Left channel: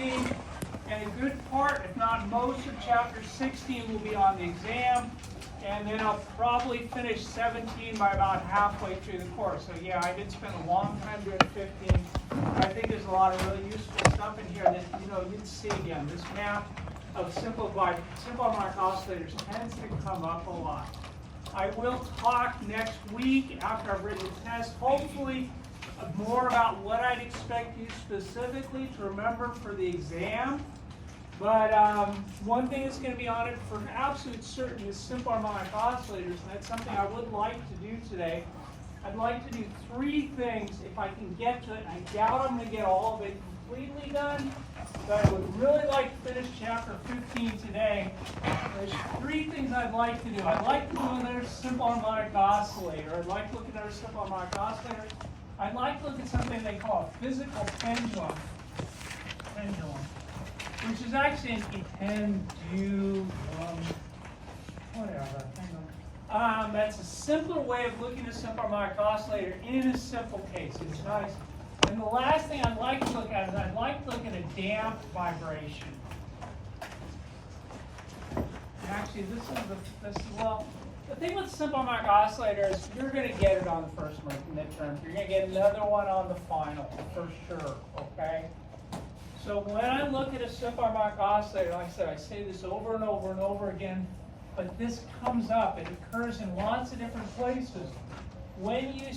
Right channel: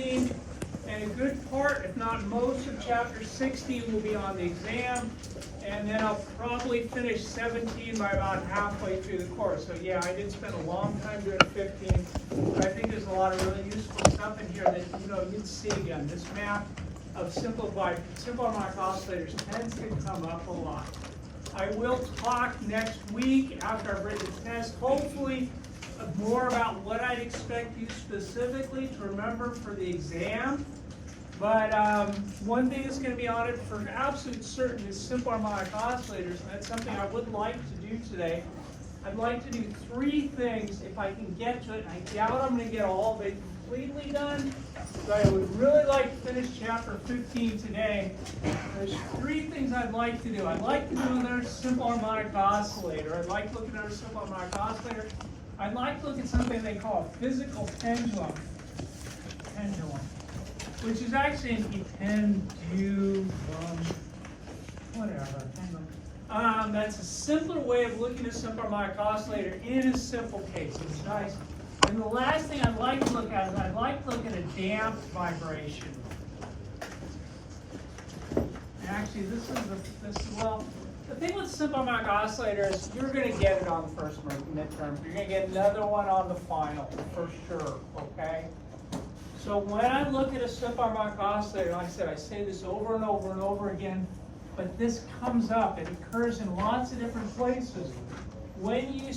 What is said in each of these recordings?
15, and a good part, if not most of chapter 16 will be on the exam, and then I'll probably finish 17 by about halfway through the course. So yeah, I did spend a long time doing 15. I think there's a lot of really useful stuff in here that you'd see again. This math of simple harmonic oscillators tends to come up a lot. I will talk next week after I've written the test, hopefully more about what I'd expect you specifically to remember for the exam. But one thing that's going to be on it for absolute certain is simple harmonic oscillators, and that's something I would like to do today. I'd like to do 3 things if I can get to it. I doubt I'm going to get all of it completely done, but I would really like to finish chapter 15 today. There's 3 things I'd like to do. I'd like to do another simple harmonic oscillator. I'd like to look at another simple harmonic oscillator. I'd like to look at something they call a physical pendulum. Which is actually a pendulum, whatever. That's a simpler way of looking at a simple harmonic oscillator in a simple case. It's nice. And the last thing I'd like to look at is I'd like to look at a damped vibration. Actually, the thing with simple harmonic oscillator is you're going to get it on the first midterm. You're going to get another one on the final for sure. Okay. So when I look at a simple harmonic oscillator, like I said, I say this over and over and over again, but this comes up. It occurs in lots of different places. When you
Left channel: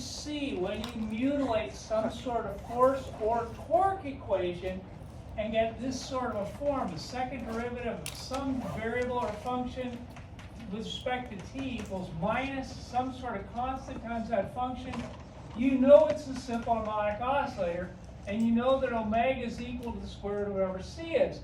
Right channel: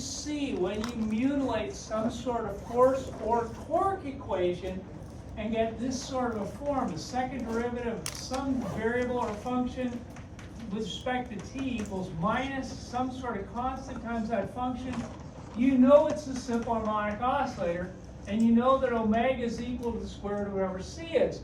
mutilate some sort of force or torque equation and get this sort of a form, the second derivative of some variable or function with respect to t equals minus some sort of constant times that function, you know it's a simple harmonic oscillator. And you know that omega is equal to the square root of whatever c is.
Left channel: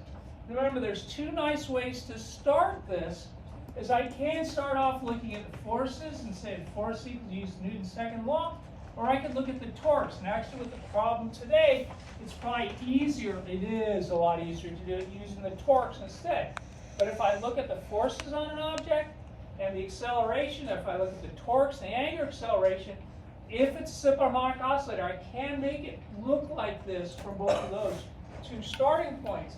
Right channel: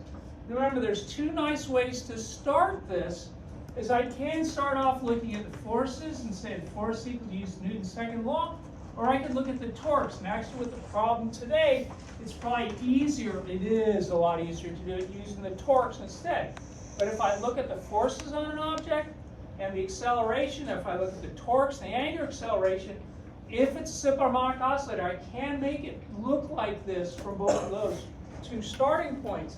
Remember, there's 2 nice ways to start this. Is I can start off looking at the forces and say the force equals use Newton's second law, or I can look at the torques. And actually with the problem today, it's probably easier, it is a lot easier to do it using the torques instead. But if I look at the forces on an object and the acceleration, if I look at the torques and the angular acceleration, if it's a simple harmonic oscillator, I can make it look like this from both of those 2 starting points.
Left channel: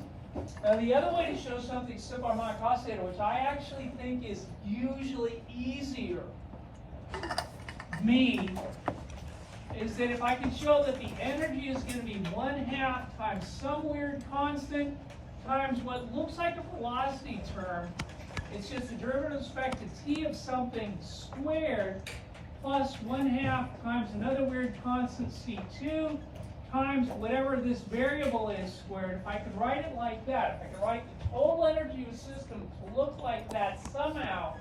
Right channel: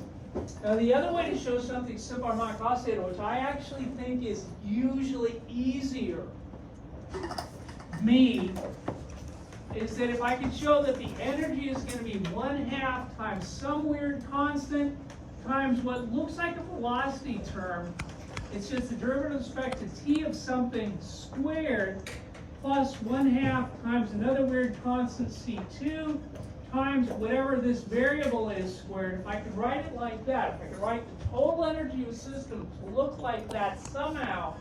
Now the other way to show something simple harmonic oscillator, which I actually think is usually easier, is that if I can show that the energy is going to be 1/2 times some weird constant times what looks like a velocity term, it's just the derivative with respect to t of something squared, plus 1/2 times another weird constant c2 times whatever this variable is squared. If I could write it like that, if I could write the total energy of a system to look like that somehow,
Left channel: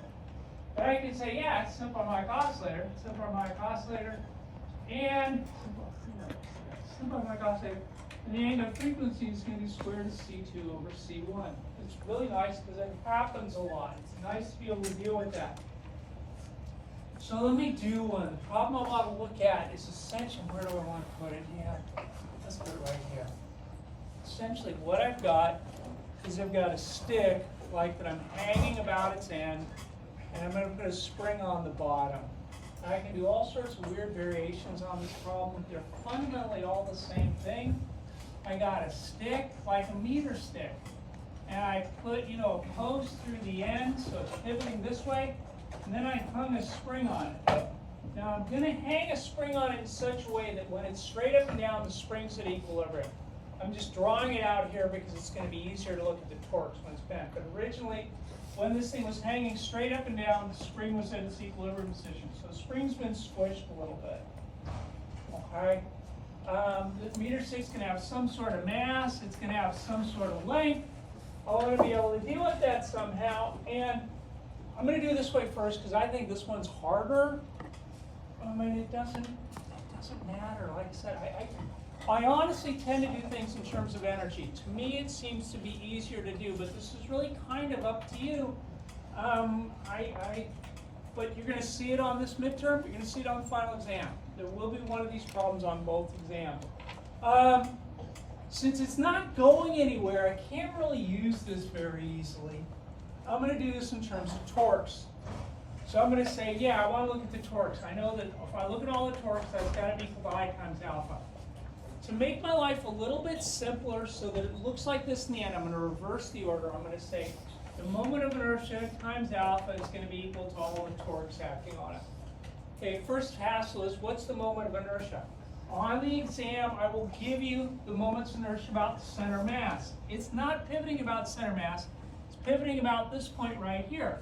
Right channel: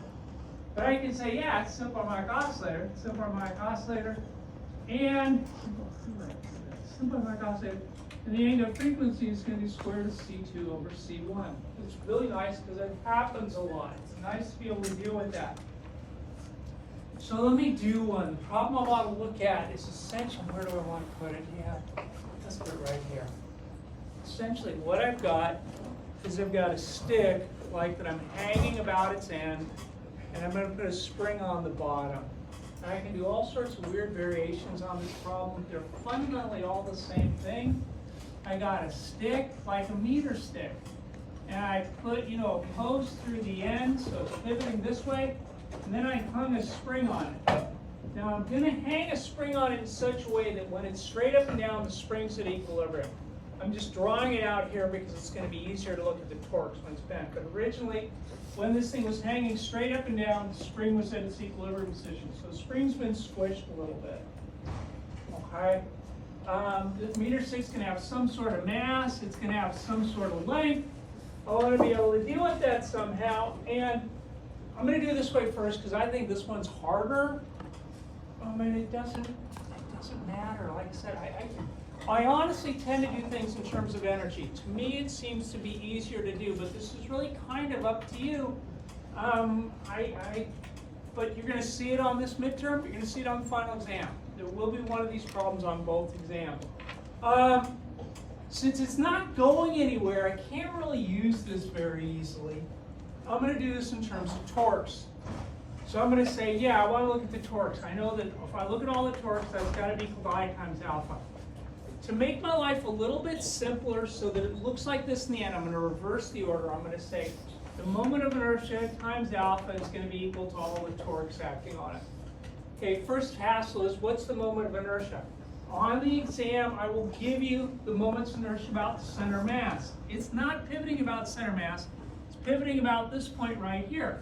then I can say, yeah, it's simple harmonic oscillator, and the angular frequency is going to be square root of c2 over c1. It's really nice because it happens a lot. It's nice to be able to deal with that. So let me do one. The problem I want to look at is essentially, where do I want to put it? Yeah, let's put it right here. Essentially what I've got is I've got a stick like that I'm hanging about its end, and I'm going to put a spring on the bottom. I can do all sorts of weird variations on this problem. They're fundamentally all the same thing. I got a stick like a meter stick, and I put a post through the end so it's pivoting this way. And then I hung a spring on it. Now I'm going to hang a spring on it in such a way that when it's straight up and down, the spring's at equilibrium. I'm just drawing it out here because it's going to be easier to look at the torques when it's bent. But originally, when this thing was hanging straight up and down, the spring was at its equilibrium position. So the spring's been squished a little bit. Okay. The meter stick's going to have some sort of mass. It's going to have some sort of length. I want to be able to deal with that somehow. And I'm going to do it this way first because I think this one's harder. I mean, it doesn't matter. Like I said, I honestly tend to do things in terms of energy. To me, it seems to be easier to do, but this is really kind of up to you. But you're going to see it on this midterm, but you're going to see it on the final exam. There will be one of these problems on both exams. Since it's not going anywhere, I can't really use this very easily. I'm going to do this in terms of torques. So I'm going to say, yeah, I want to look at the torques. I know that if I look at all the torques, that's got to be phi times alpha. to make my life a little bit simpler so that it looks like this in the end, I'm going to reverse the order. I'm going to say the moment of inertia times alpha is going to be equal to all the torques acting on it. Okay, first hassle is what's the moment of inertia? On the exam, I will give you the moments of inertia about the center mass. It's not pivoting about center mass, it's pivoting about this point right here.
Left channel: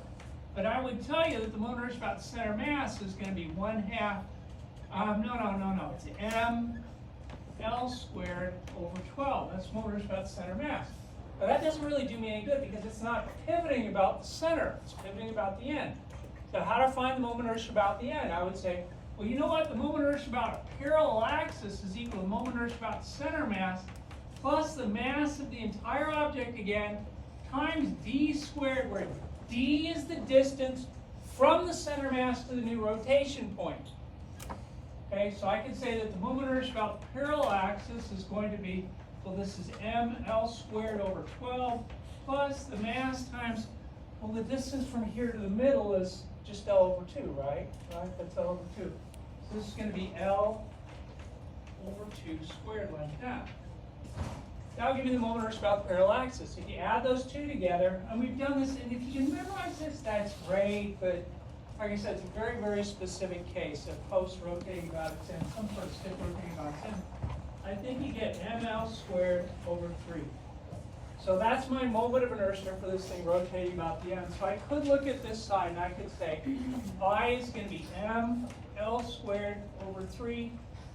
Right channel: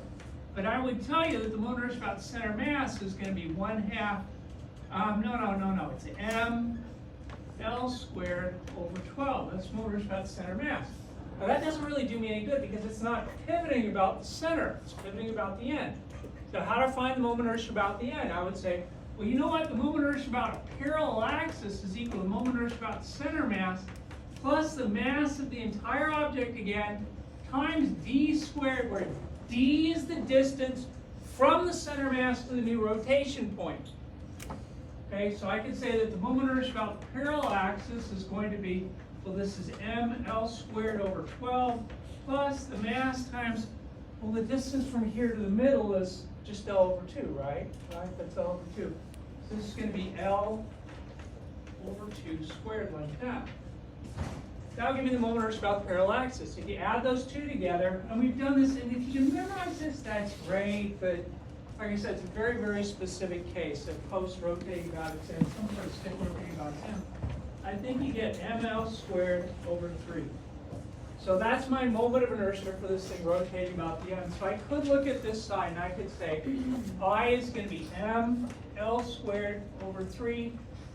But I would tell you that the moment of inertia about the center mass is going to be 1/2, no, it's mL squared over 12. That's the moment of inertia about the center mass. But that doesn't really do me any good because it's not pivoting about the center, it's pivoting about the end. So how to find the moment of inertia about the end? I would say, well, you know what? The moment of inertia about a parallel axis is equal to the moment of inertia about the center mass plus the mass of the entire object again times d squared, where d is the distance from the center mass to the new rotation point. Okay, so I could say that the moment of inertia about the parallel axis is going to be, well, this is mL squared over 12 plus the mass times, well, the distance from here to the middle is just L over 2, right? That's L over 2. So this is going to be L over 2 squared like that. Now give me the moment of inertia about the parallel axis. If you add those two together, and we've done this, and if you can memorize this, that's great, but like I said, it's a very, very specific case of post-rotating about its end, some sort of stick rotating about its end. I think you get mL squared over 3. So that's my moment of inertia for this thing rotating about the end. So I could look at this side and I could say I is going to be mL squared over 3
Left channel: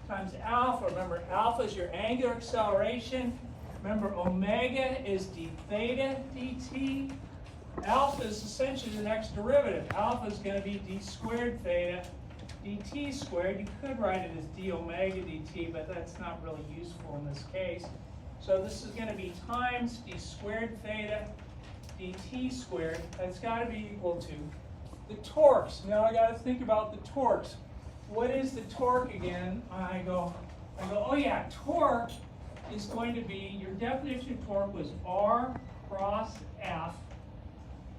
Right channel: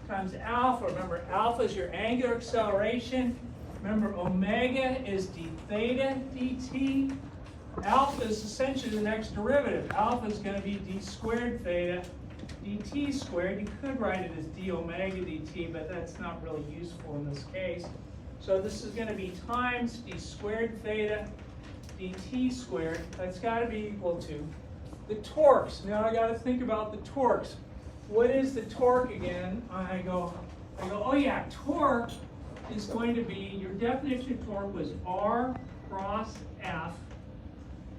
times alpha. Remember, alpha is your angular acceleration. Remember, omega is d theta dt. Alpha is essentially the next derivative. Alpha is going to be d squared theta dt squared. You could write it as d omega dt, but that's not really useful in this case. So this is going to be times d squared theta dt squared. That's got to be equal to the torques. Now I got to think about the torques. What is the torque again? I go, oh yeah, torque is going to be, your definition of torque was R cross F.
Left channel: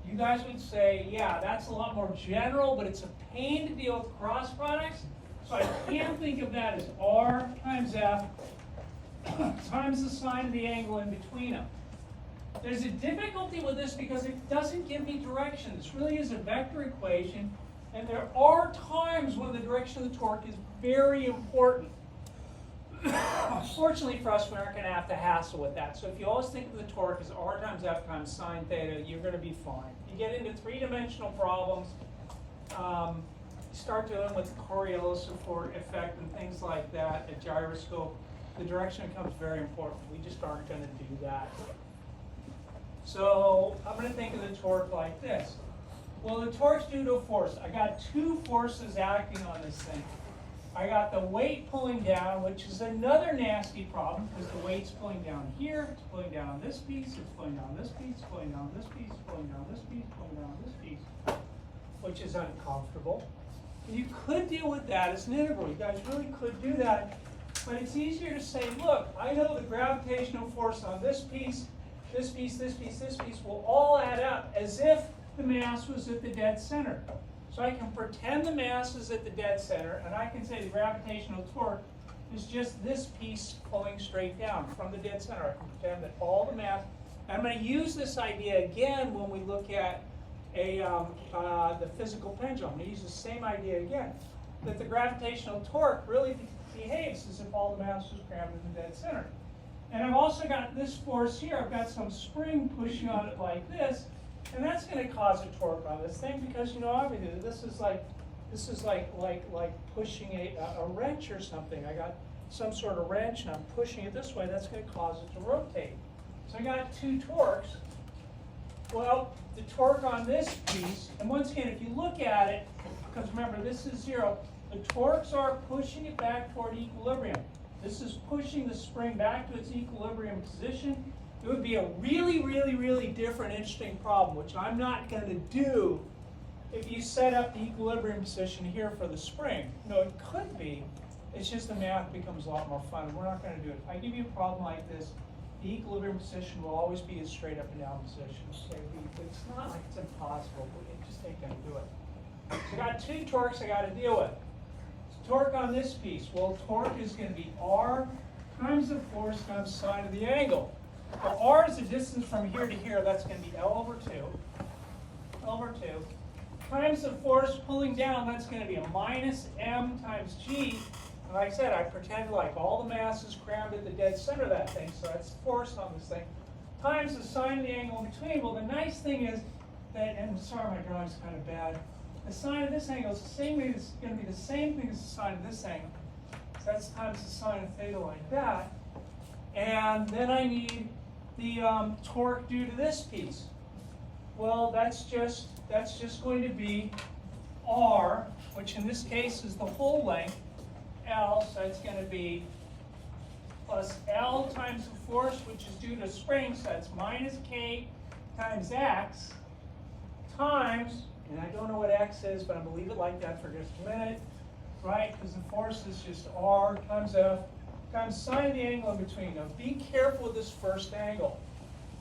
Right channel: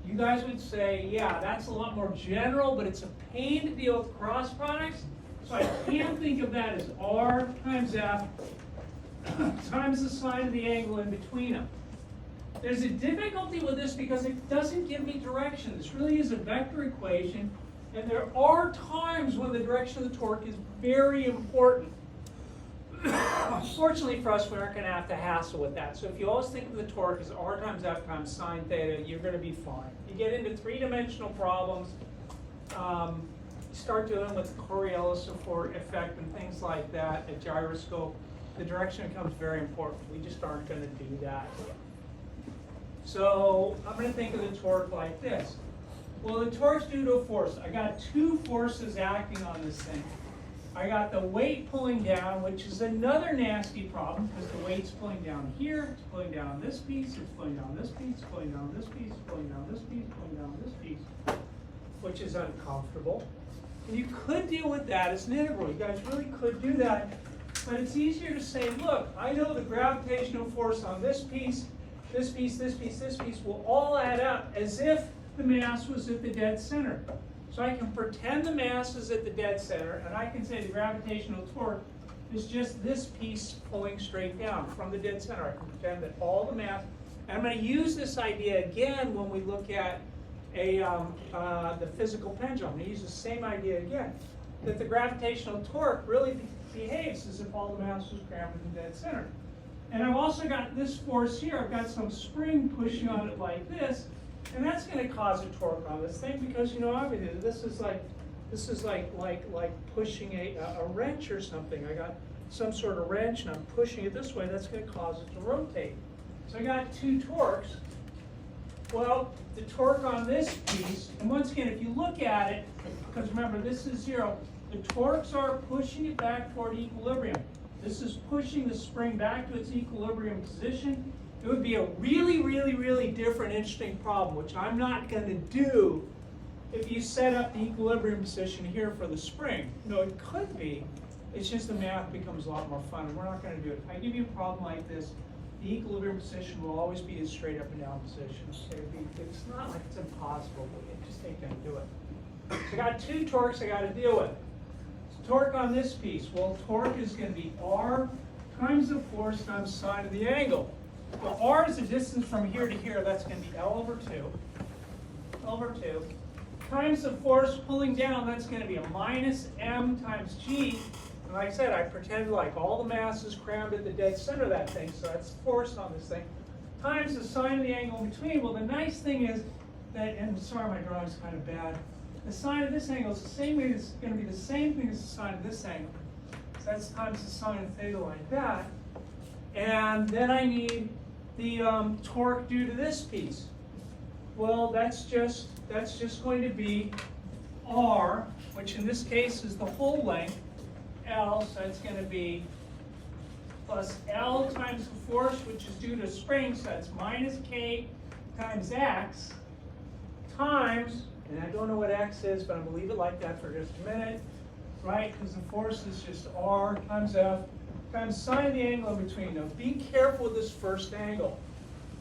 You guys would say, yeah, that's a lot more general, but it's a pain to deal with cross products. So I can think of that as R times F times the sine of the angle in between them. There's a difficulty with this because it doesn't give me direction. This really is a vector equation, and there are times when the direction of the torque is very important. Fortunately for us, we aren't going to have to hassle with that. So if you always think of the torque as R times F times sine theta, you're going to be fine. You get into three-dimensional problems, start dealing with the Coriolis effect and things like that, a gyroscope, the direction becomes very important. We just aren't going to do that. So I'm going to think of the torque like this. Well, the torque's due to a force. I got two forces acting on this thing. I got the weight pulling down, which is another nasty problem because the weight's pulling down here, it's pulling down this piece, it's pulling down this piece, pulling down this piece, pulling down this piece, pulling down this piece, which is uncomfortable. And you could deal with that as an integral. You guys really could do that. But it's easier to say, look, I know the gravitational force on this piece, this piece, this piece, this piece will all add up as if the mass was at the dead center. So I can pretend the mass is at the dead center, and I can say the gravitational torque is just this piece pulling straight down from the dead center. I can pretend that all the mass, and I'm going to use this idea again when we look at the physical pendulum. I'm going to use the same idea again, that the gravitational torque really behaves as if all the mass was crammed in the dead center. And I've also got this force here. I've got some spring pushing on it like this. And that's going to cause a torque on this thing because, you know, obviously this is like pushing a wrench or something. I got some sort of wrench and I'm pushing it this way. That's going to cause it to rotate. So I got two torques. Well, the torque on this piece, and once again, if you look at it, because remember this is 0, the torques are pushing it back toward equilibrium. This is pushing the spring back to its equilibrium position. It would be a really, really, really different, interesting problem, which I'm not going to do if you set up the equilibrium position here for the spring. No, it could be. It's just the math becomes a lot more fun. We're not going to do it. If I give you a problem like this, the equilibrium position will always be a straight up and down position. Okay? It's not like it's impossible, but you just ain't going to do it. So I got two torques I got to deal with. So torque on this piece. Well, torque is going to be R times the force times sine of the angle. For r is the distance from here to here, that's going to be L over 2, times the force pulling down, that's going to be a minus m times g. And like I said, I pretend like all the mass is crammed at the dead center of that thing, so that's force on this thing, times the sine of the angle in between. Well, the nice thing is that, and sorry my drawing's kind of bad, the sine of this angle is the same way, it's going to be the same thing as the sine of this angle. So that's times the sine of theta like that. And then I need the torque due to this piece. Well, that's just going to be r, which in this case is the whole length, L, so that's going to be plus L times the force, which is due to spring, so that's minus k times x, times, and I don't know what x is, but I'm going to leave it like that for just a minute, right? Because the force is just r times f times sine of the angle in between. Now be careful with this first angle.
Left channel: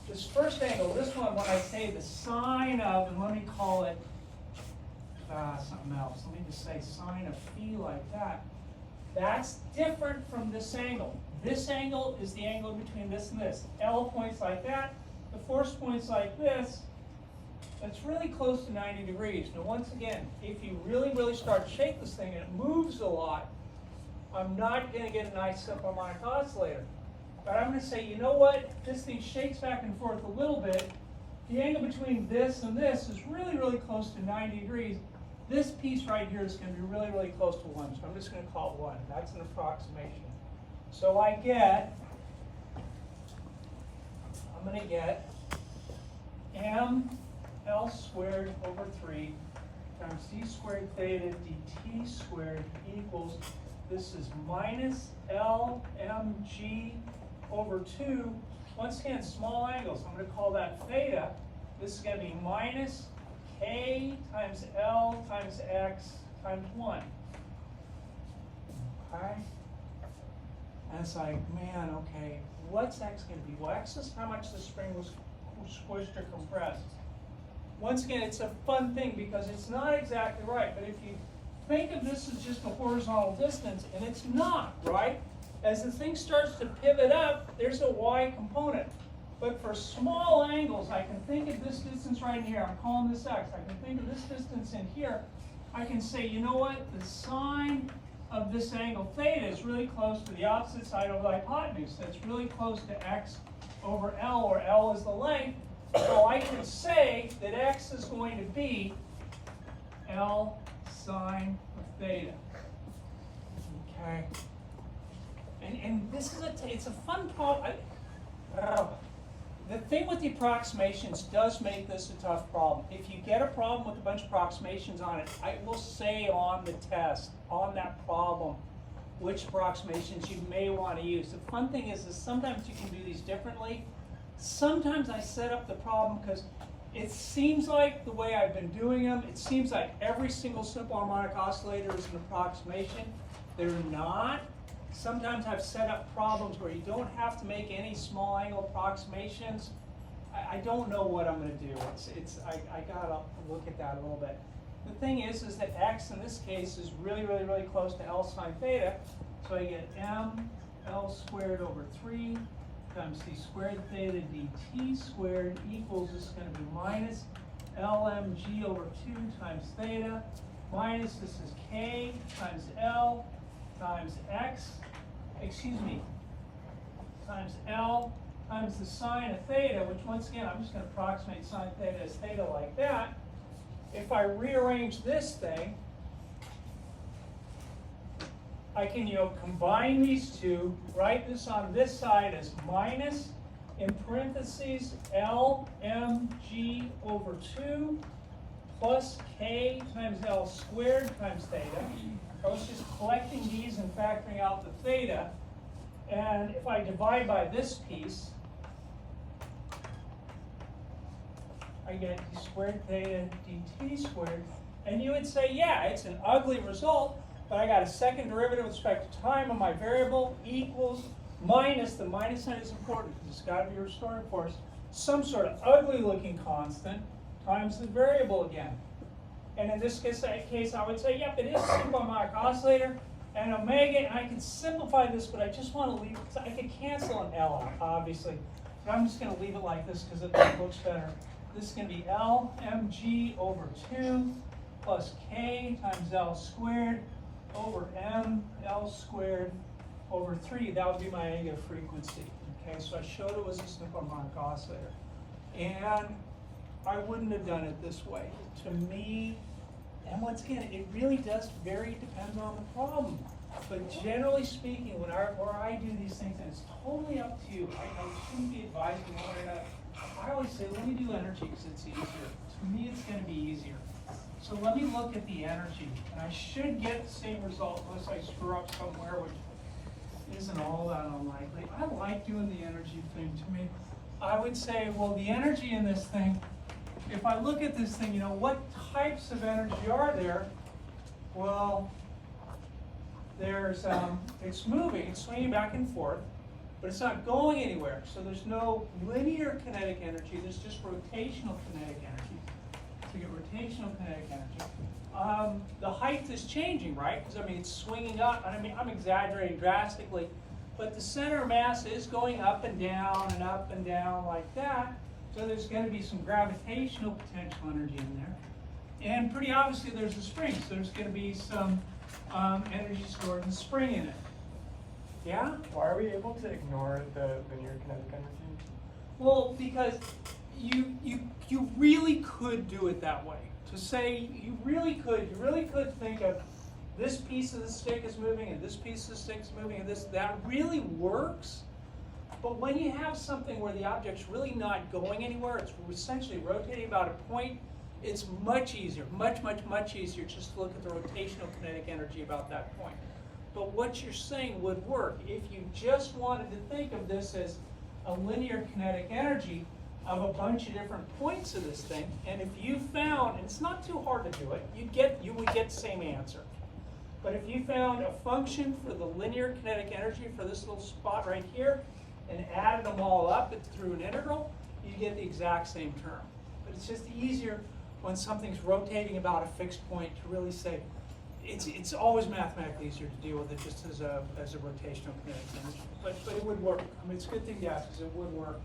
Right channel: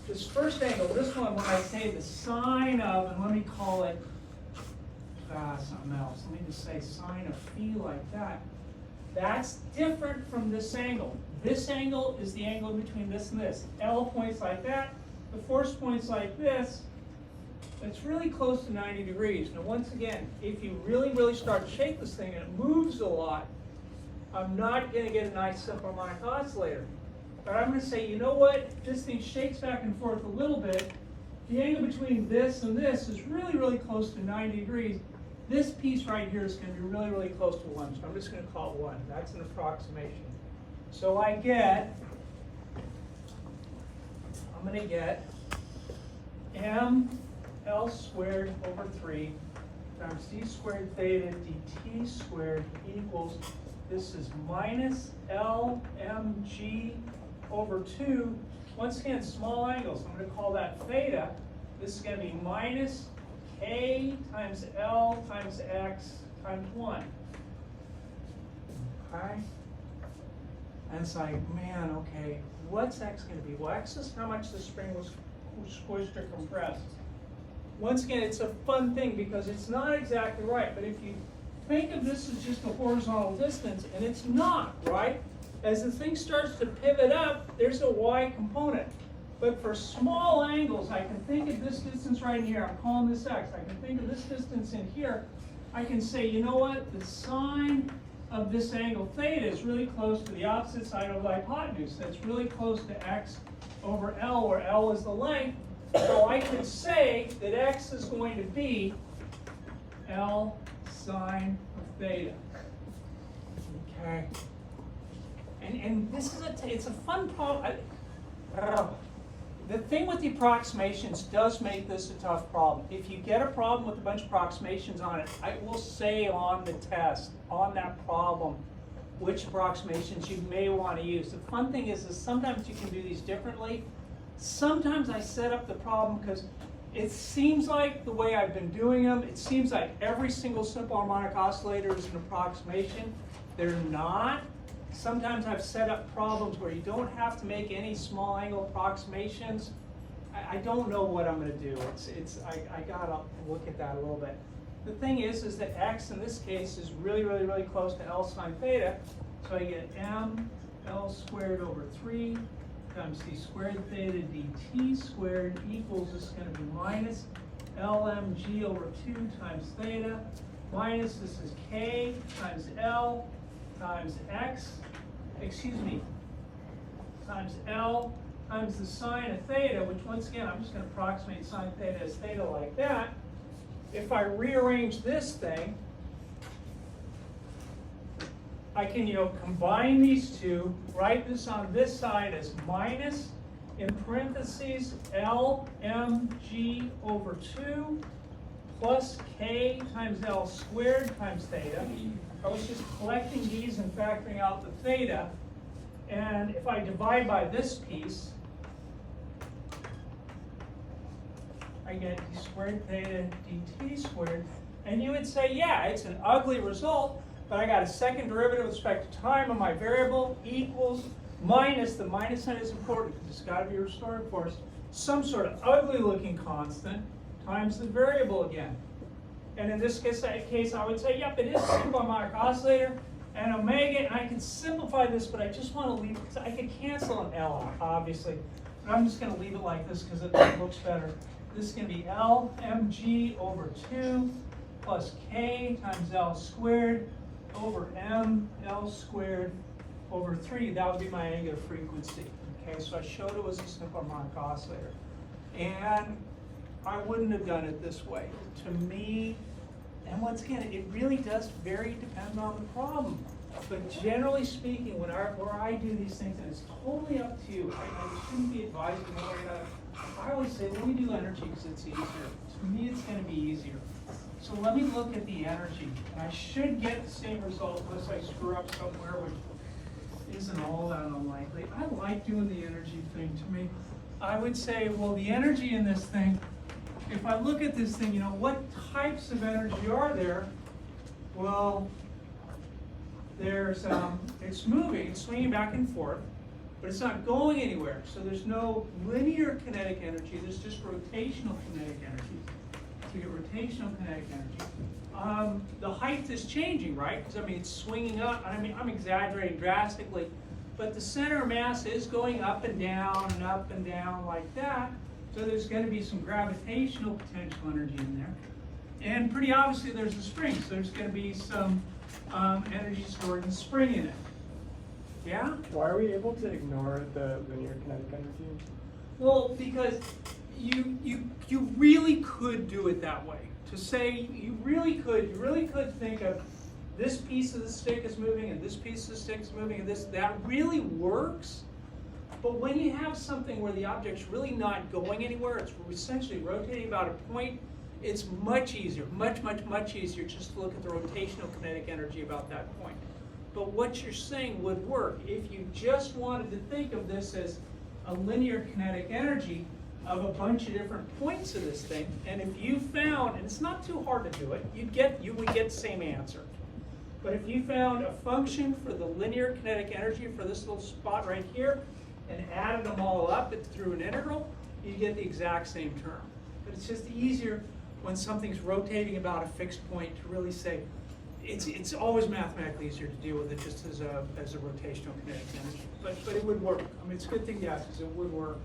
This first angle, this one, when I say the sine of, and let me call it something else. Let me just say sine of phi like that. That's different from this angle. This angle is the angle in between this and this. L points like that. The force points like this. It's really close to 90 degrees. Now once again, if you really start to shake this thing and it moves a lot, I'm not going to get a nice simple harmonic oscillator. But I'm going to say, you know what? This thing shakes back and forth a little bit. The angle between this and this is really close to 90 degrees. This piece right here is going to be really close to 1. So I'm just going to call it 1. That's an approximation. So I'm going to get m L squared over 3 times d squared theta dt squared equals, this is minus LMG over 2. Once again, small angles. I'm going to call that theta. This is going to be minus K times L times X times 1. Okay? And it's like, man, okay, what's X going to be? Well, X is how much the spring was squished or compressed. Once again, it's a fun thing because it's not exactly right, but if you think of this as just a horizontal distance, and it's not, right? As the thing starts to pivot up, there's a y component. But for small angles, I can think of this distance right here. I'm calling this x. I can think of this distance in here. I can say, you know what? The sine of this angle theta is really close to the opposite side of the hypotenuse. That's really close to x over L, where L is the length. So I could say that x is going to be L sine of theta. Okay. And this is it's a fun problem. The thing with the approximations does make this a tough problem. If you get a problem with a bunch of approximations on it, I will say on the test, on that problem, which approximations you may want to use. The fun thing is sometimes you can do these differently. Sometimes I set up the problem because it seems like the way I've been doing them, it seems like every single simple harmonic oscillator is an approximation. They're not. Sometimes I've set up problems where you don't have to make any small angle approximations. I don't know what I'm going to do. I gotta look at that a little bit. The thing is that x in this case is really close to L sine theta. So I get m L squared over 3 times d squared theta dt squared equals, this is going to be minus LMG over 2 times theta minus, this is k times L times x, times L times the sine of theta, which once again, I'm just going to approximate sine theta as theta like that. If I rearrange this thing, I can, combine these two, write this on this side as minus, in parentheses, LMG over 2 plus k times L squared times theta. I was just collecting these and factoring out the theta. And if I divide by this piece, I get d squared theta dt squared. And you would say, yeah, it's an ugly result, but I got a second derivative with respect to time of my variable equals minus, the minus sign is important because it's got to be restored force, some sort of ugly looking constant times the variable again. And in this case I would say, yep, it is a simple harmonic oscillator. and omega, and I can simplify this, but I just want to leave it, I could cancel an L out, obviously, but I'm just going to leave it like this because it looks better. This is going to be L mg over 2 plus k times L squared over m L squared over 3. That would be my angular frequency. Okay, so I showed it was a simple harmonic oscillator. And I wouldn't have done it this way. To me, and once again, it really does vary depending on the problem. But generally speaking, where I do these things, and it's totally up to you, I shouldn't be advising you one way or another. I always say, let me do energy because it's easier. To me, it's going to be easier. So let me look at the energy. And I should get the same result unless I screw up somewhere, which isn't all that unlikely. I like doing the energy thing. To me, I would say, well, the energy in this thing, if I look at this thing, you know, what types of energy are there? Well, there's, it's moving, it's swinging back and forth, but it's not going anywhere. So there's no linear kinetic energy, there's just rotational kinetic energy. So you get rotational kinetic energy. The height is changing, right? Because, I mean, it's swinging up. I mean, I'm exaggerating drastically, but the center of mass is going up and down like that. So there's going to be some gravitational potential energy in there. And pretty obviously there's a spring, so there's going to be some energy stored in the spring in it. Yeah? Why are we able to ignore the linear kinetic energy? Well, because you really could do it that way. To say you really could think of this piece of the stick is moving and this piece of the stick is moving and that really works. But when you have something where the object's really not going anywhere, it's essentially rotating about a point, it's much easier, much easier just to look at the rotational kinetic energy about that point. But what you're saying would work. If you just wanted to think of this as a linear kinetic energy of a bunch of different points of this thing, and if you found, and it's not too hard to do it, you would get the same answer. But if you found a function for the linear kinetic energy for this little spot right here, and added them all up through an integral, you get the exact same term. But it's just easier when something's rotating about a fixed point to really say, it's always mathematically easier to deal with it just as a rotational kinetic energy. But it would work. I mean, it's a good thing to ask because it would work.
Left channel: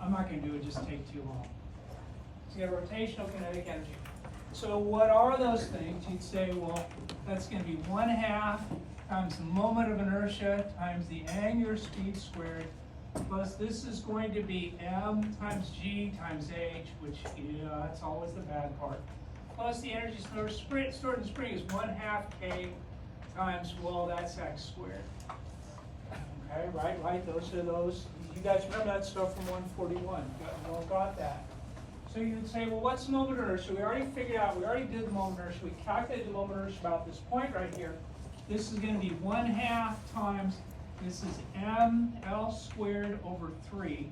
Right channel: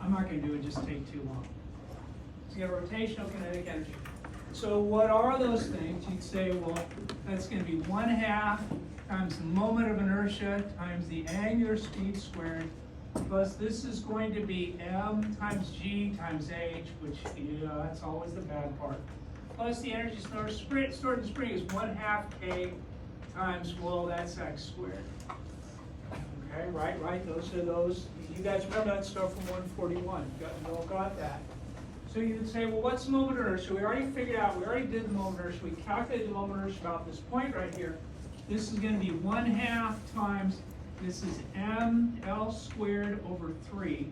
I'm not going to do it, just take too long. So you got rotational kinetic energy. So what are those things? You'd say, well, that's going to be 1/2 times the moment of inertia times the angular speed squared, plus this is going to be m times g times h, which, yeah, that's always the bad part. Plus the energy stored in the spring is 1/2 k times, well, that's x squared. Okay, right, those are those. You guys remember that stuff from 141. You all got that. So you would say, well, what's the moment of inertia? We already figured out, we already did the moment of inertia. We calculated the moment of inertia about this point right here. This is going to be 1/2 times, this is ml squared over 3.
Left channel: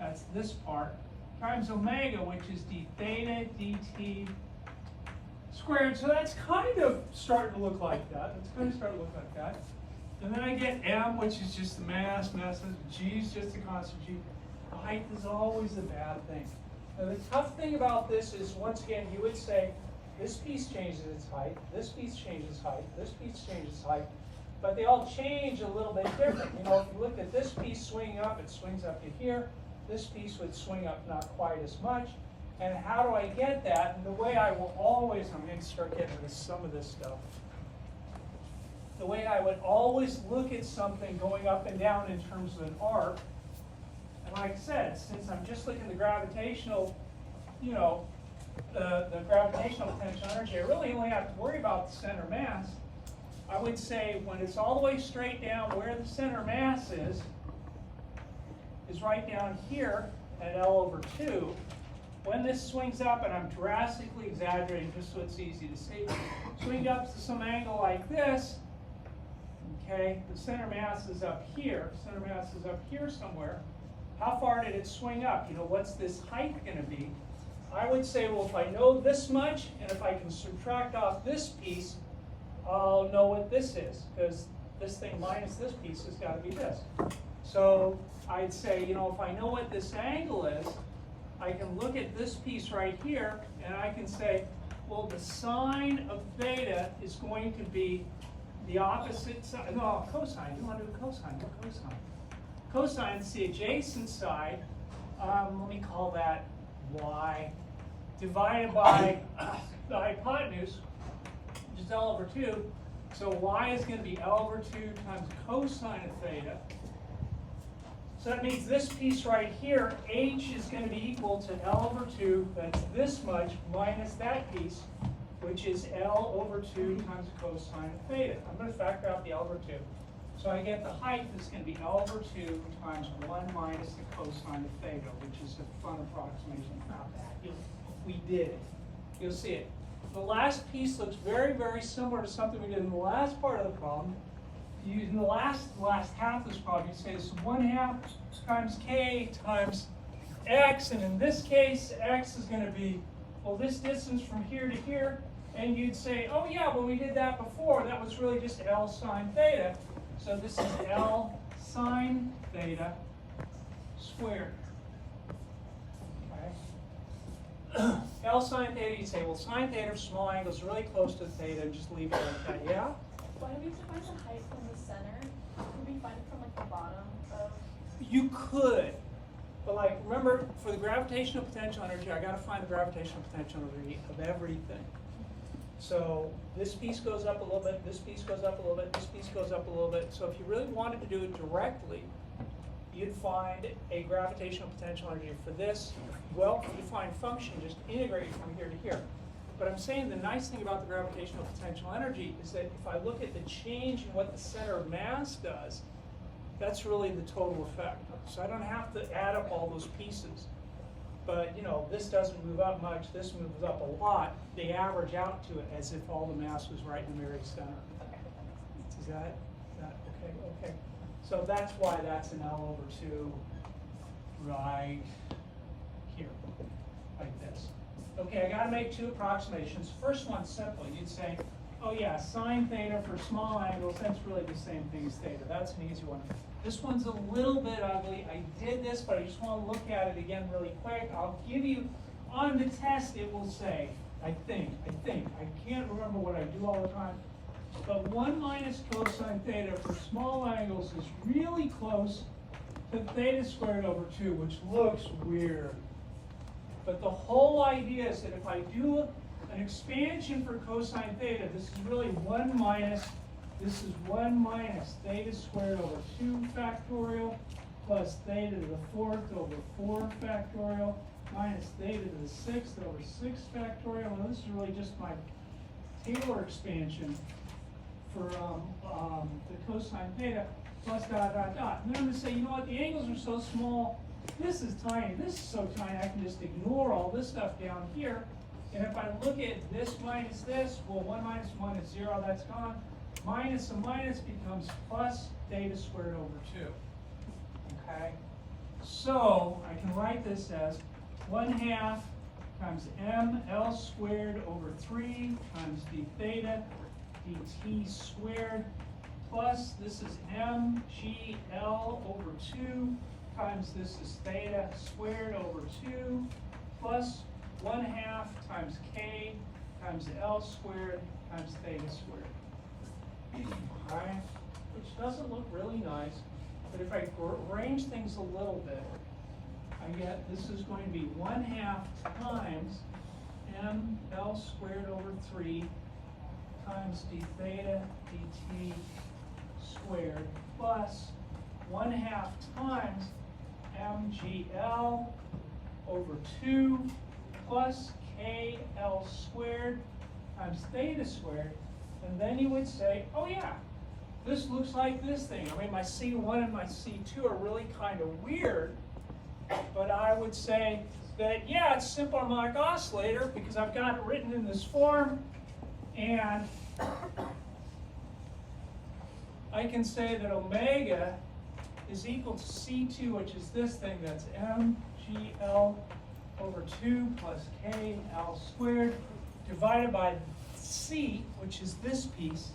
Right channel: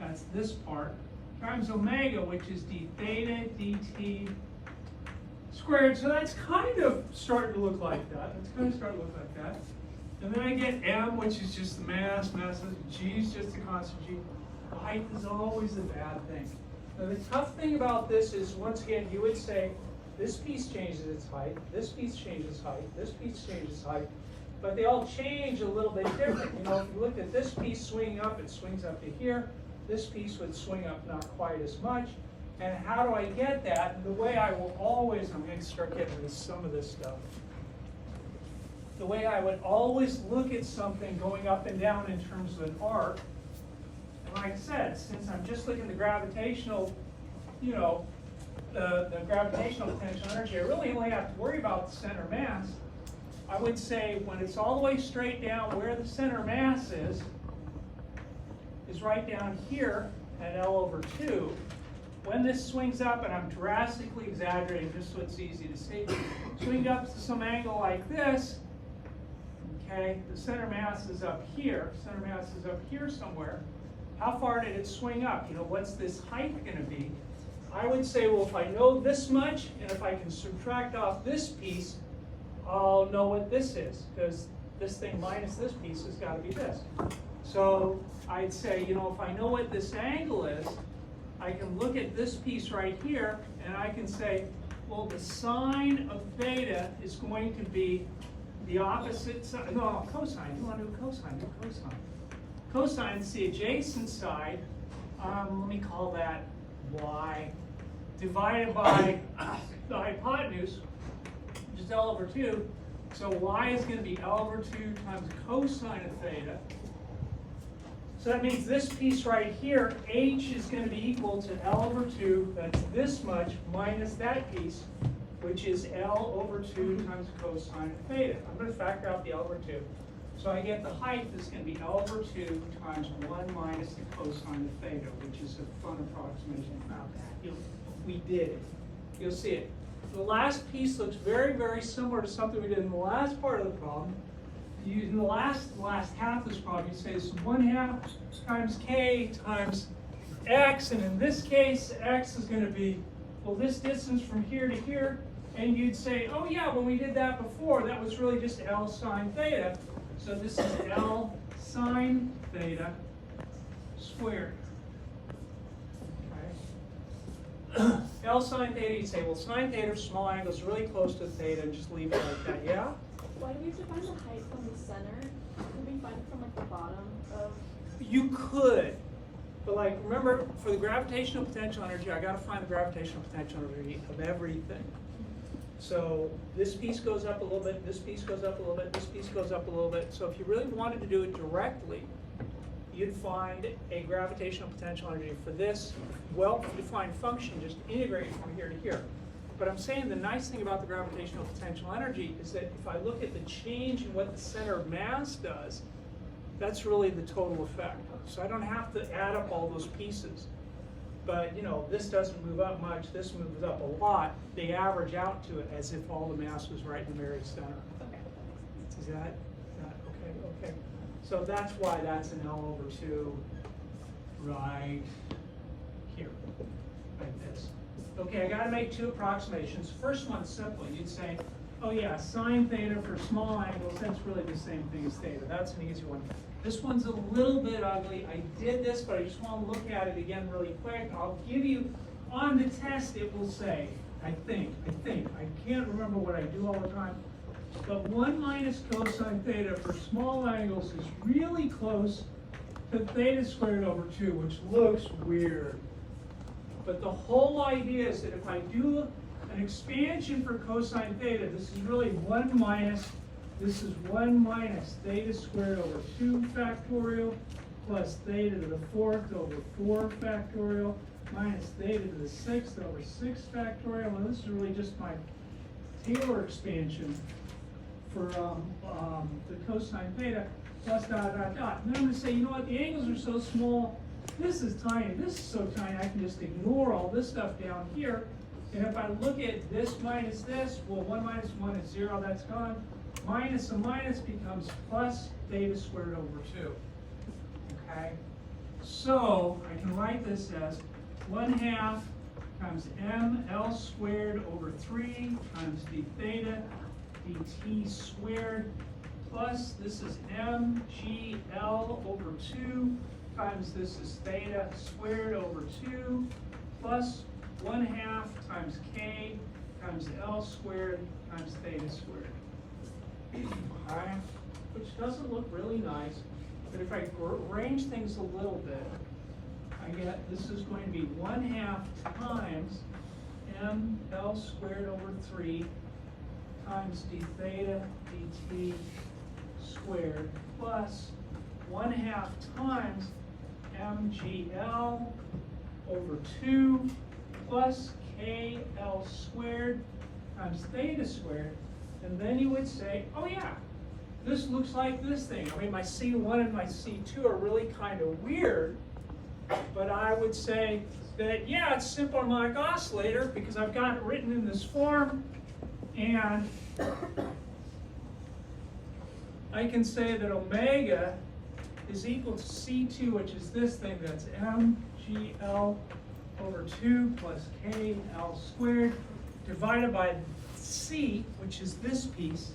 That's this part. Times omega, which is d theta dt squared. So that's kind of starting to look like that. It's going to start to look like that. And then I get m, which is just the mass, g is just a constant g. The height is always a bad thing. Now the tough thing about this is, once again, you would say, this piece changes its height, this piece changes height, this piece changes height, but they all change a little bit different. You know, if you look at this piece swinging up, it swings up to here. This piece would swing up not quite as much. And how do I get that? And the way I will always, I'm going to start getting into some of this stuff. The way I would always look at something going up and down in terms of an arc, and like I said, since I'm just looking at the gravitational, you know, the gravitational potential energy, I really only have to worry about the center mass. I would say when it's all the way straight down, where the center mass is right down here at L over 2. When this swings up, and I'm drastically exaggerating just so it's easy to see, swing up to some angle like this, okay, the center mass is up here. Center mass is up here somewhere. How far did it swing up? You know, what's this height going to be? I would say, well, if I know this much, and if I can subtract off this piece, I'll know what this is, because this thing minus this piece has got to be this. So I'd say, you know, if I know what this angle is, I can look at this piece right here, and I can say, well, the sine of theta is going to be the opposite side, no, cosine, you want to do cosine, do cosine. Cosine is the adjacent side, let me call that y, divided by the hypotenuse, which is L over 2. So y is going to be L over 2 times cosine of theta. So that means this piece right here, h is going to be equal to L over 2, that's this much, minus that piece, which is L over 2 times cosine of theta. I'm going to factor out the L over 2. So I get the height is going to be L over 2 times 1 minus the cosine of theta, which is a fun approximation. Not bad. We did it. You'll see it. The last piece looks very, very similar to something we did in the last part of the problem. In the last half of this problem, you say it's 1/2 times k times x, and in this case, x is going to be, well, this distance from here to here, and you'd say, oh yeah, when we did that before, that was really just L sine theta. So this is L sine theta squared. Okay. L sine theta, you'd say, well, sine theta for small angles is really close to theta, and just leave it like that, yeah? Why do we have to find the height from the center? Can we find it from like the bottom of? You could, but like, remember, for the gravitational potential energy, I gotta find the gravitational potential energy of everything. So this piece goes up a little bit, this piece goes up a little bit, this piece goes up a little bit. So if you really wanted to do it directly, you'd find a gravitational potential energy for this well-defined function, just integrate from here to here. But I'm saying the nice thing about the gravitational potential energy is that if I look at the change in what the center of mass does, that's really the total effect. So I don't have to add up all those pieces. But you know, this doesn't move up much, this moves up a lot. They average out to it as if all the mass was right in the very center. Is that okay? Okay. So that's why that's an L over 2 right here, like this. Okay, I gotta make two approximations. First one's simple. You'd say, oh yeah, sine theta for small angles, that's really the same thing as theta. That's an easy one. This one's a little bit ugly. I did this, but I just want to look at it again really quick. I'll give you, on the test it will say, I think, I can't remember what I do all the time, but 1 minus cosine theta for small angles is really close to theta squared over 2, which looks weird. But the whole idea is that if I do an expansion for cosine theta, this is really 1 minus, this is 1 minus theta squared over 2 factorial plus theta to the 4th over 4 factorial minus theta to the 6th over 6 factorial. Well, this is really just my Taylor expansion for the cosine theta plus dot, dot, dot. And then I'm going to say, you know what, the angles are so small, this is tiny, this is so tiny, I can just ignore all this stuff down here. And if I look at this minus this, well, 1 minus 1 is 0, that's gone. Minus a minus becomes plus theta squared over 2. Okay? So I can write this as 1/2 times ml squared over 3 times d theta dt squared plus this is mgl over 2 times this is theta squared over 2 plus 1/2 times k times l squared times theta squared. Alright, which doesn't look really nice, but if I arrange things a little bit, I get this is going to be 1/2 times ml squared over 3 times d theta dt squared plus 1/2 times mgl over 2 plus kl squared times theta squared. And then you would say, oh yeah, this looks like this thing. I mean, my C1 and my C2 are really kind of weird, but I would say that, yeah, it's a simple harmonic oscillator because I've got it written in this form, and I can say that omega is equal to C2, which is this thing, that's mgl over 2 plus kl squared divided by C, which is this piece,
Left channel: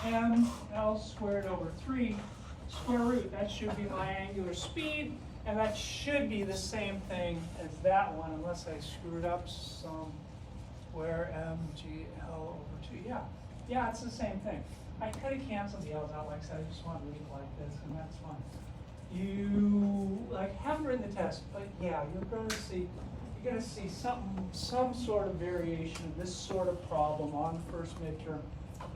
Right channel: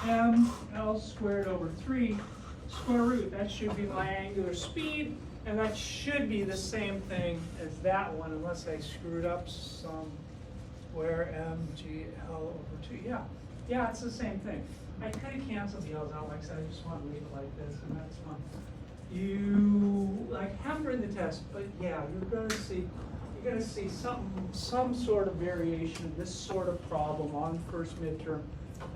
times ml squared over 3 square root. That should be my angular speed, and that should be the same thing as that one, unless I screwed up somewhere, mgl over 2. Yeah, it's the same thing. I could have canceled the L's out, like I said, I just want to read it like this, and that's fine. You, like, haven't written the test, but yeah, you're gonna see some sort of variation of this sort of problem on the first midterm.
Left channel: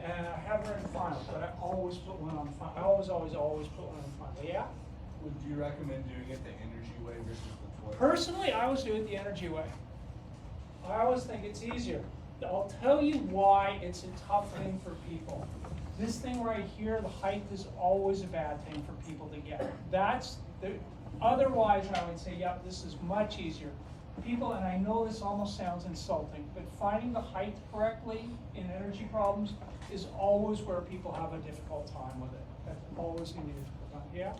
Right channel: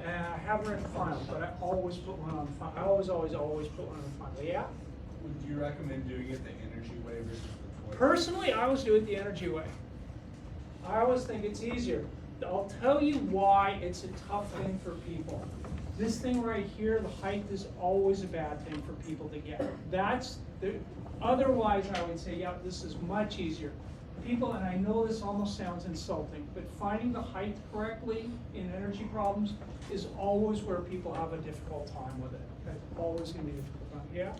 And I haven't written final, but I always put one on final. I always put one on final, yeah? Would you recommend doing it the energy way versus the torque? Personally, I always do it the energy way. I always think it's easier. I'll tell you why it's a tough thing for people. This thing right here, the height is always a bad thing for people to get. Otherwise I would say, yeah, this is much easier. People, and I know this almost sounds insulting, but finding the height correctly in energy problems is always where people have a difficult time with it. That's always going to be a difficult time. Yeah?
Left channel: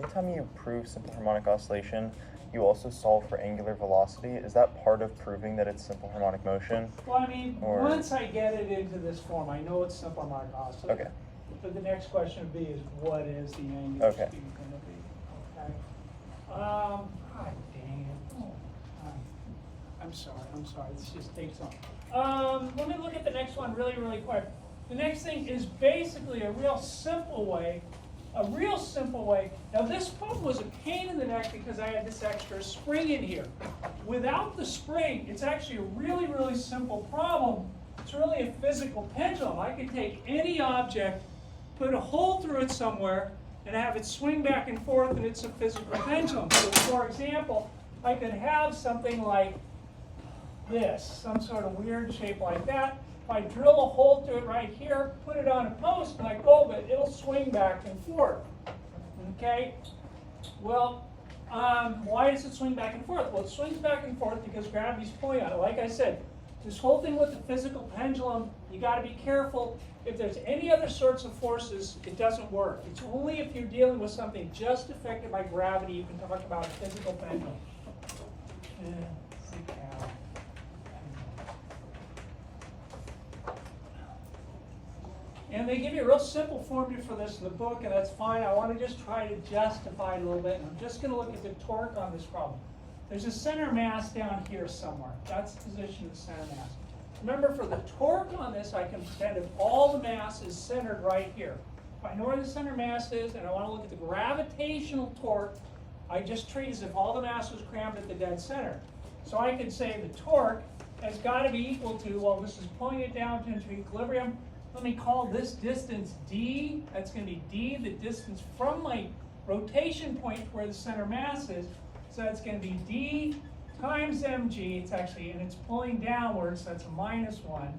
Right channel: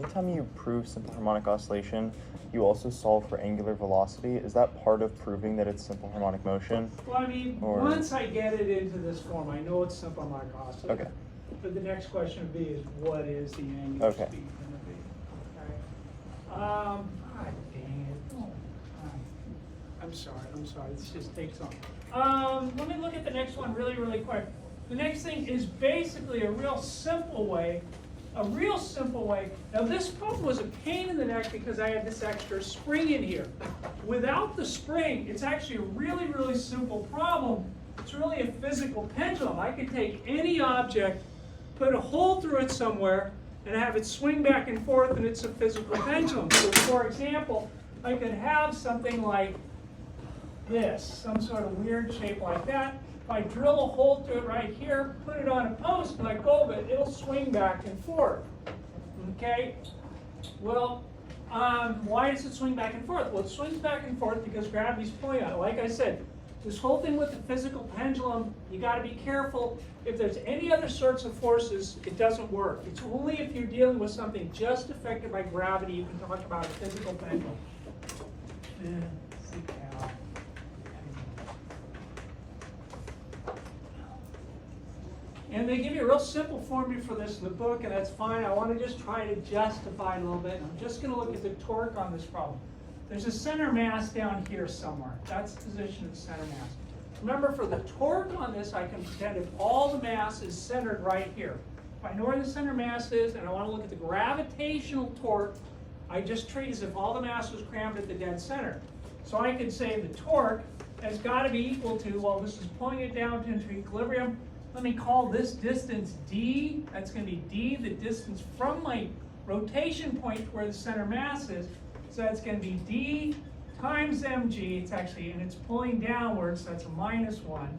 Anytime you prove simple harmonic oscillation, you also solve for angular velocity. Is that part of proving that it's simple harmonic motion? Well, I mean, once I get it into this form, I know it's simple harmonic oscillation. Okay. But the next question would be is what is the angular Okay. speed going to be? Okay. God dang it. Oh, I'm sorry, it just takes on. Let me look at the next one really quick. The next thing is basically a real simple way. Now this problem was a pain in the neck because I had this extra spring in here. Without the spring, it's actually a really simple problem. It's really a physical pendulum. I could take any object, put a hole through it somewhere, and have it swing back and forth, and it's a physical pendulum. So for example, I could have something like this, some sort of weird shape like that. If I drill a hole through it right here, put it on a post, and I go of it, it'll swing back and forth. Okay? Well, why does it swing back and forth? Well, it swings back and forth because gravity's pulling on it. Like I said, this whole thing with the physical pendulum, you got to be careful. If there's any other sorts of forces, it doesn't work. It's only if you're dealing with something just affected by gravity you can talk about a physical pendulum. And they give you a real simple formula for this in the book, and that's fine. I want to just try to justify it a little bit, and I'm just going to look at the torque on this problem. There's a center mass down here somewhere. That's the position of the center mass. Remember, for the torque on this, I can pretend if all the mass is centered right here. If I know where the center mass is, and I want to look at the gravitational torque, I just treat as if all the mass was crammed at the dead center. So I could say the torque has got to be equal to, well, this is pulling it down into equilibrium. Let me call this distance d. That's going to be d, the distance from my rotation point where the center mass is. So that's going to be d times mg. It's actually, and it's pulling downwards, so that's a -1.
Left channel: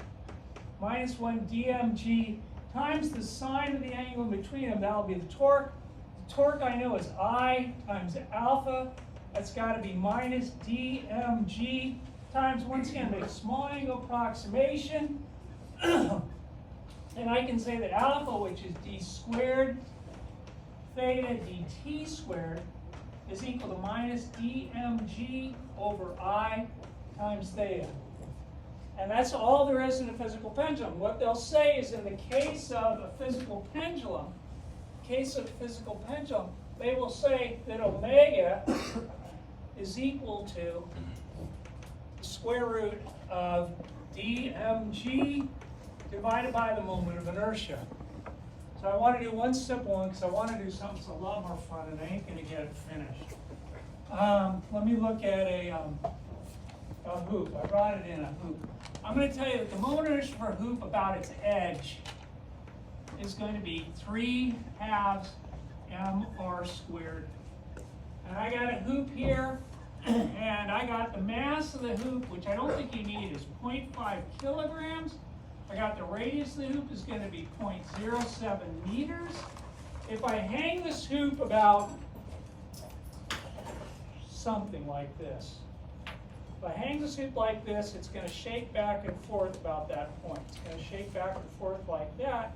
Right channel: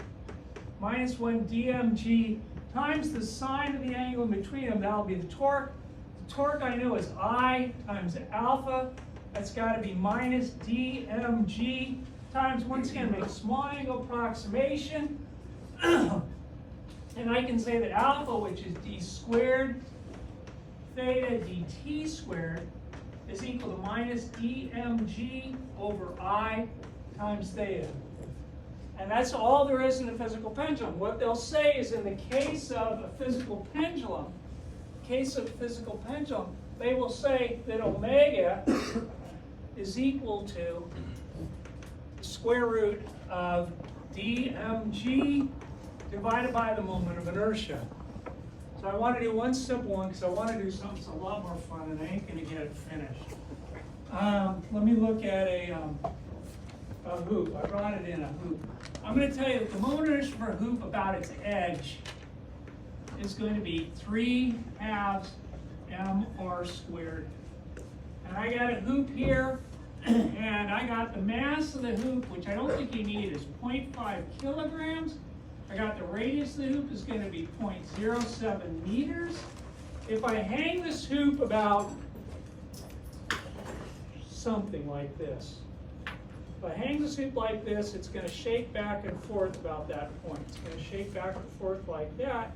-1 dmg times the sine of the angle in between them. That'll be the torque. The torque I know is I times alpha. That's got to be minus dmg times, once again, make a small angle approximation. And I can say that alpha, which is d squared theta dt squared, is equal to minus dmg over I times theta. And that's all there is in a physical pendulum. What they'll say is in the case of a physical pendulum, they will say that omega is equal to the square root of dmg divided by the moment of inertia. So I want to do one simple one because I want to do something that's a lot more fun and I ain't going to get it finished. Let me look at a hoop. I brought it in a hoop. I'm going to tell you that the moment of inertia for a hoop about its edge is going to be 3/2 mr squared. And I got a hoop here, and I got the mass of the hoop, which I don't think you need, is 0.5 kilograms. I got the radius of the hoop is going to be 0.07 meters. If I hang this hoop about something like this, if I hang this hoop like this, it's going to shake back and forth about that point. It's going to shake back and forth like that.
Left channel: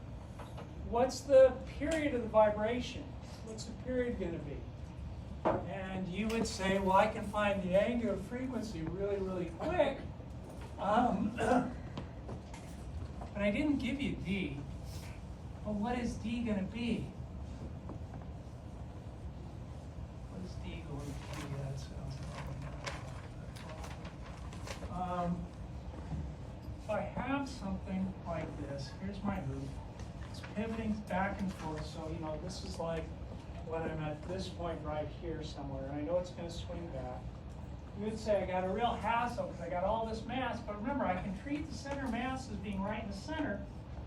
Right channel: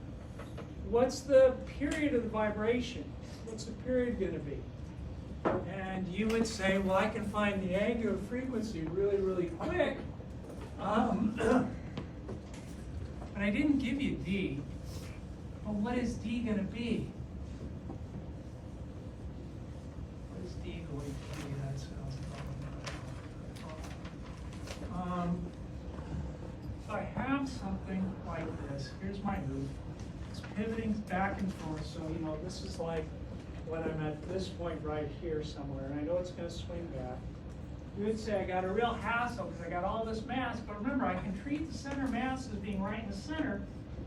What's the period of the vibration? What's the period going to be? And you would say, well, I can find the angular frequency really quick. But I didn't give you D. Well, what is D going to be? What is D going to be? That sounds so I have something like this. Here's my hoop. It's pivoting back and forth. So, you know, this is like when I'm at this point right here somewhere, and I know it's going to swing back. You would say I got a real hassle because I got all this mass, but remember, I can treat the center mass as being right in the center.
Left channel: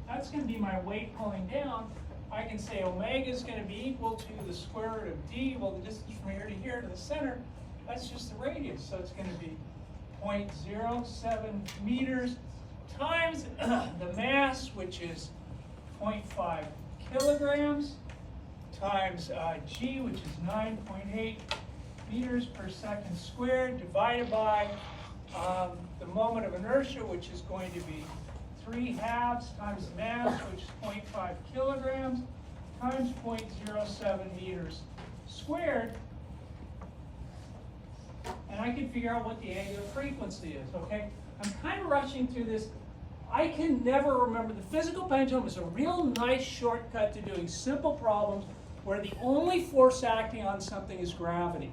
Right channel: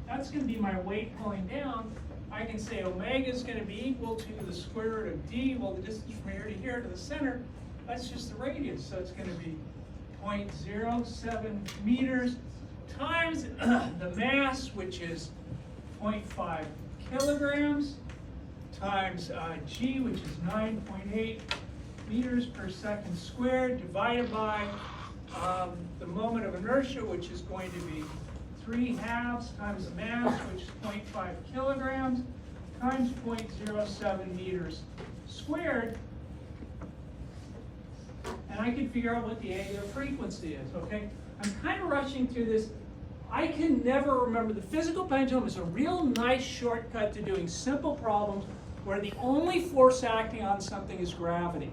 That's going to be my weight pulling down. I can say omega is going to be equal to the square root of d. Well, the distance from here to here to the center, that's just the radius. So it's going to be 0.07 meters times the mass, which is 0.5 kilograms, times g, which is 9.8 meters per second squared, divided by the moment of inertia, which is going to be 3/2 times the mass, which is 0.5 kilograms, times 0.07 meters squared. And I can figure out what the angular frequency is, okay? I'm kind of rushing through this. I can never remember. The physical pendulum is a real nice shortcut to doing simple problems where the only force acting on something is gravity.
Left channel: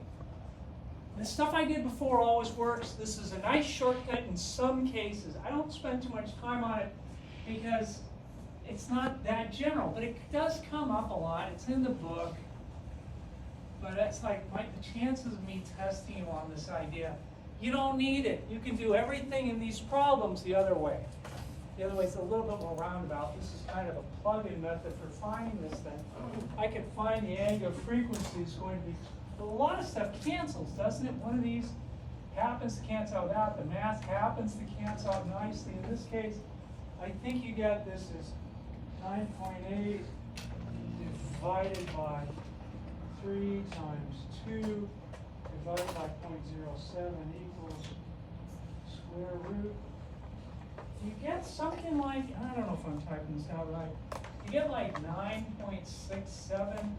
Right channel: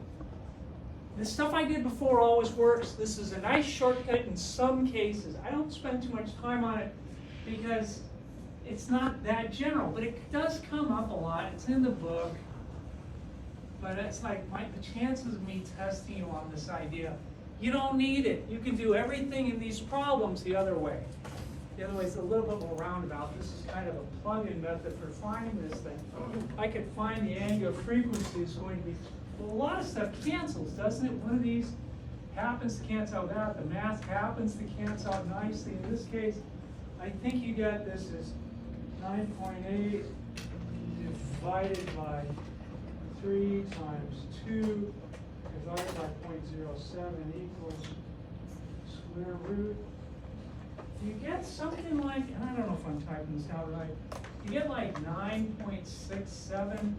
The stuff I did before always works. This is a nice shortcut in some cases. I don't spend too much time on it because it's not that general, but it does come up a lot. It's in the book. But it's like the chances of me testing you on this idea, you don't need it. You can do everything in these problems the other way. The other way is a little bit more roundabout. This is kind of a plug-in method for finding this thing. I could find the angular frequency is going to be, a lot of stuff cancels, doesn't it? One of these happens to cancel out that. The mass happens to cancel out nicely. In this case, I think you get this as 9.8 divided by 3 times 2 divided by 0.07 equals square root. You get something like, I don't know if I'm typing this out right, you get like 9.67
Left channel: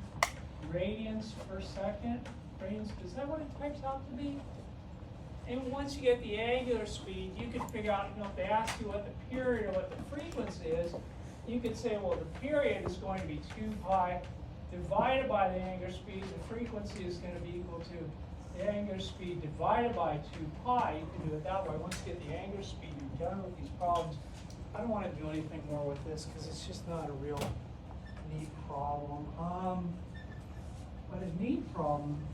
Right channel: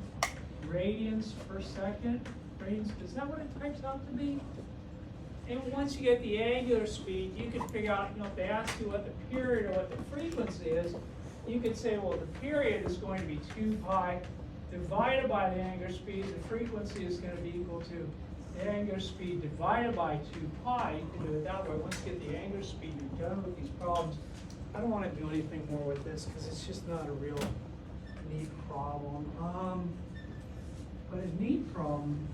radians per second. Radians, is that what it types out to be? And once you get the angular speed, you can figure out, you know, if they ask you what the period or what the frequency is, you could say, well, the period is going to be 2 pi divided by the angular speed. The frequency is going to be equal to the angular speed divided by 2 pi. You can do it that way. Once you get the angular speed, you're done with these problems. I don't want to do anything more with this because it's just not a real neat problem. But a neat problem,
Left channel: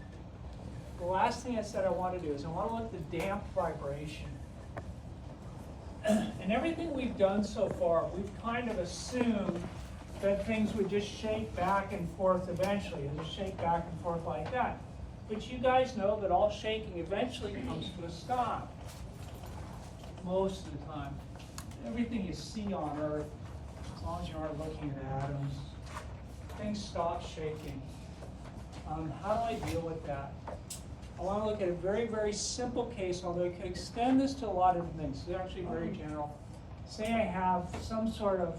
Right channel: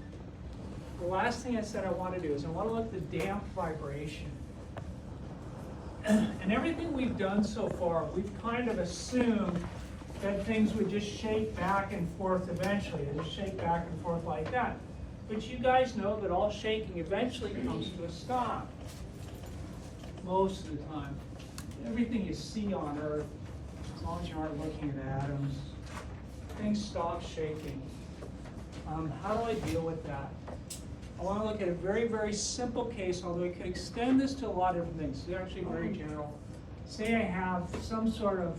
the last thing I said I want to do is I want to look at the damped vibration. And everything we've done so far, we've kind of assumed that things would just shake back and forth eventually. They just shake back and forth like that. But you guys know that all shaking eventually comes to a stop. Most of the time. Everything you see on Earth, as long as you aren't looking at atoms, things stop shaking. How do I deal with that? I want to look at a very, very simple case, although I could extend this to a lot of different things. It's actually very general. Say I have some sort of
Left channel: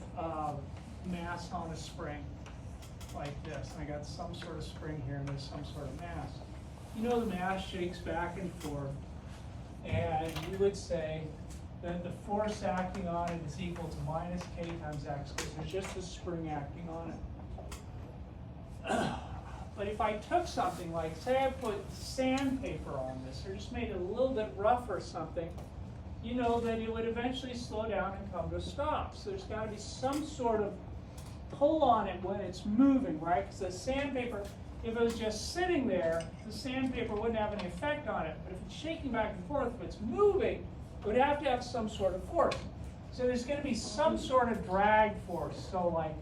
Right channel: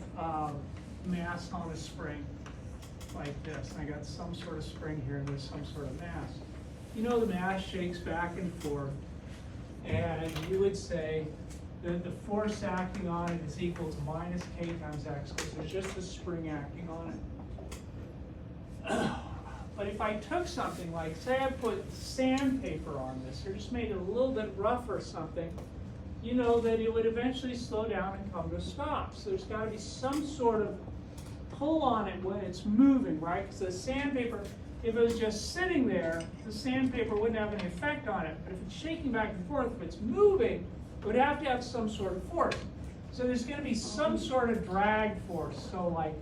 mass on a spring, like this. I got some sort of spring here, and there's some sort of mass. You know the mass shakes back and forth, and you would say that the force acting on it is equal to minus k times x, because there's just a spring acting on it. But if I took something like, say I put sandpaper on this, or just made it a little bit rough or something, you know that it would eventually slow down and come to a stop. So there's got to be some sort of pull on it when it's moving, right? Because the sandpaper, if it was just sitting there, the sandpaper wouldn't have any effect on it. But if it's shaking back and forth, if it's moving, it would have to have some sort of force. So there's going to be some sort of drag force. So like,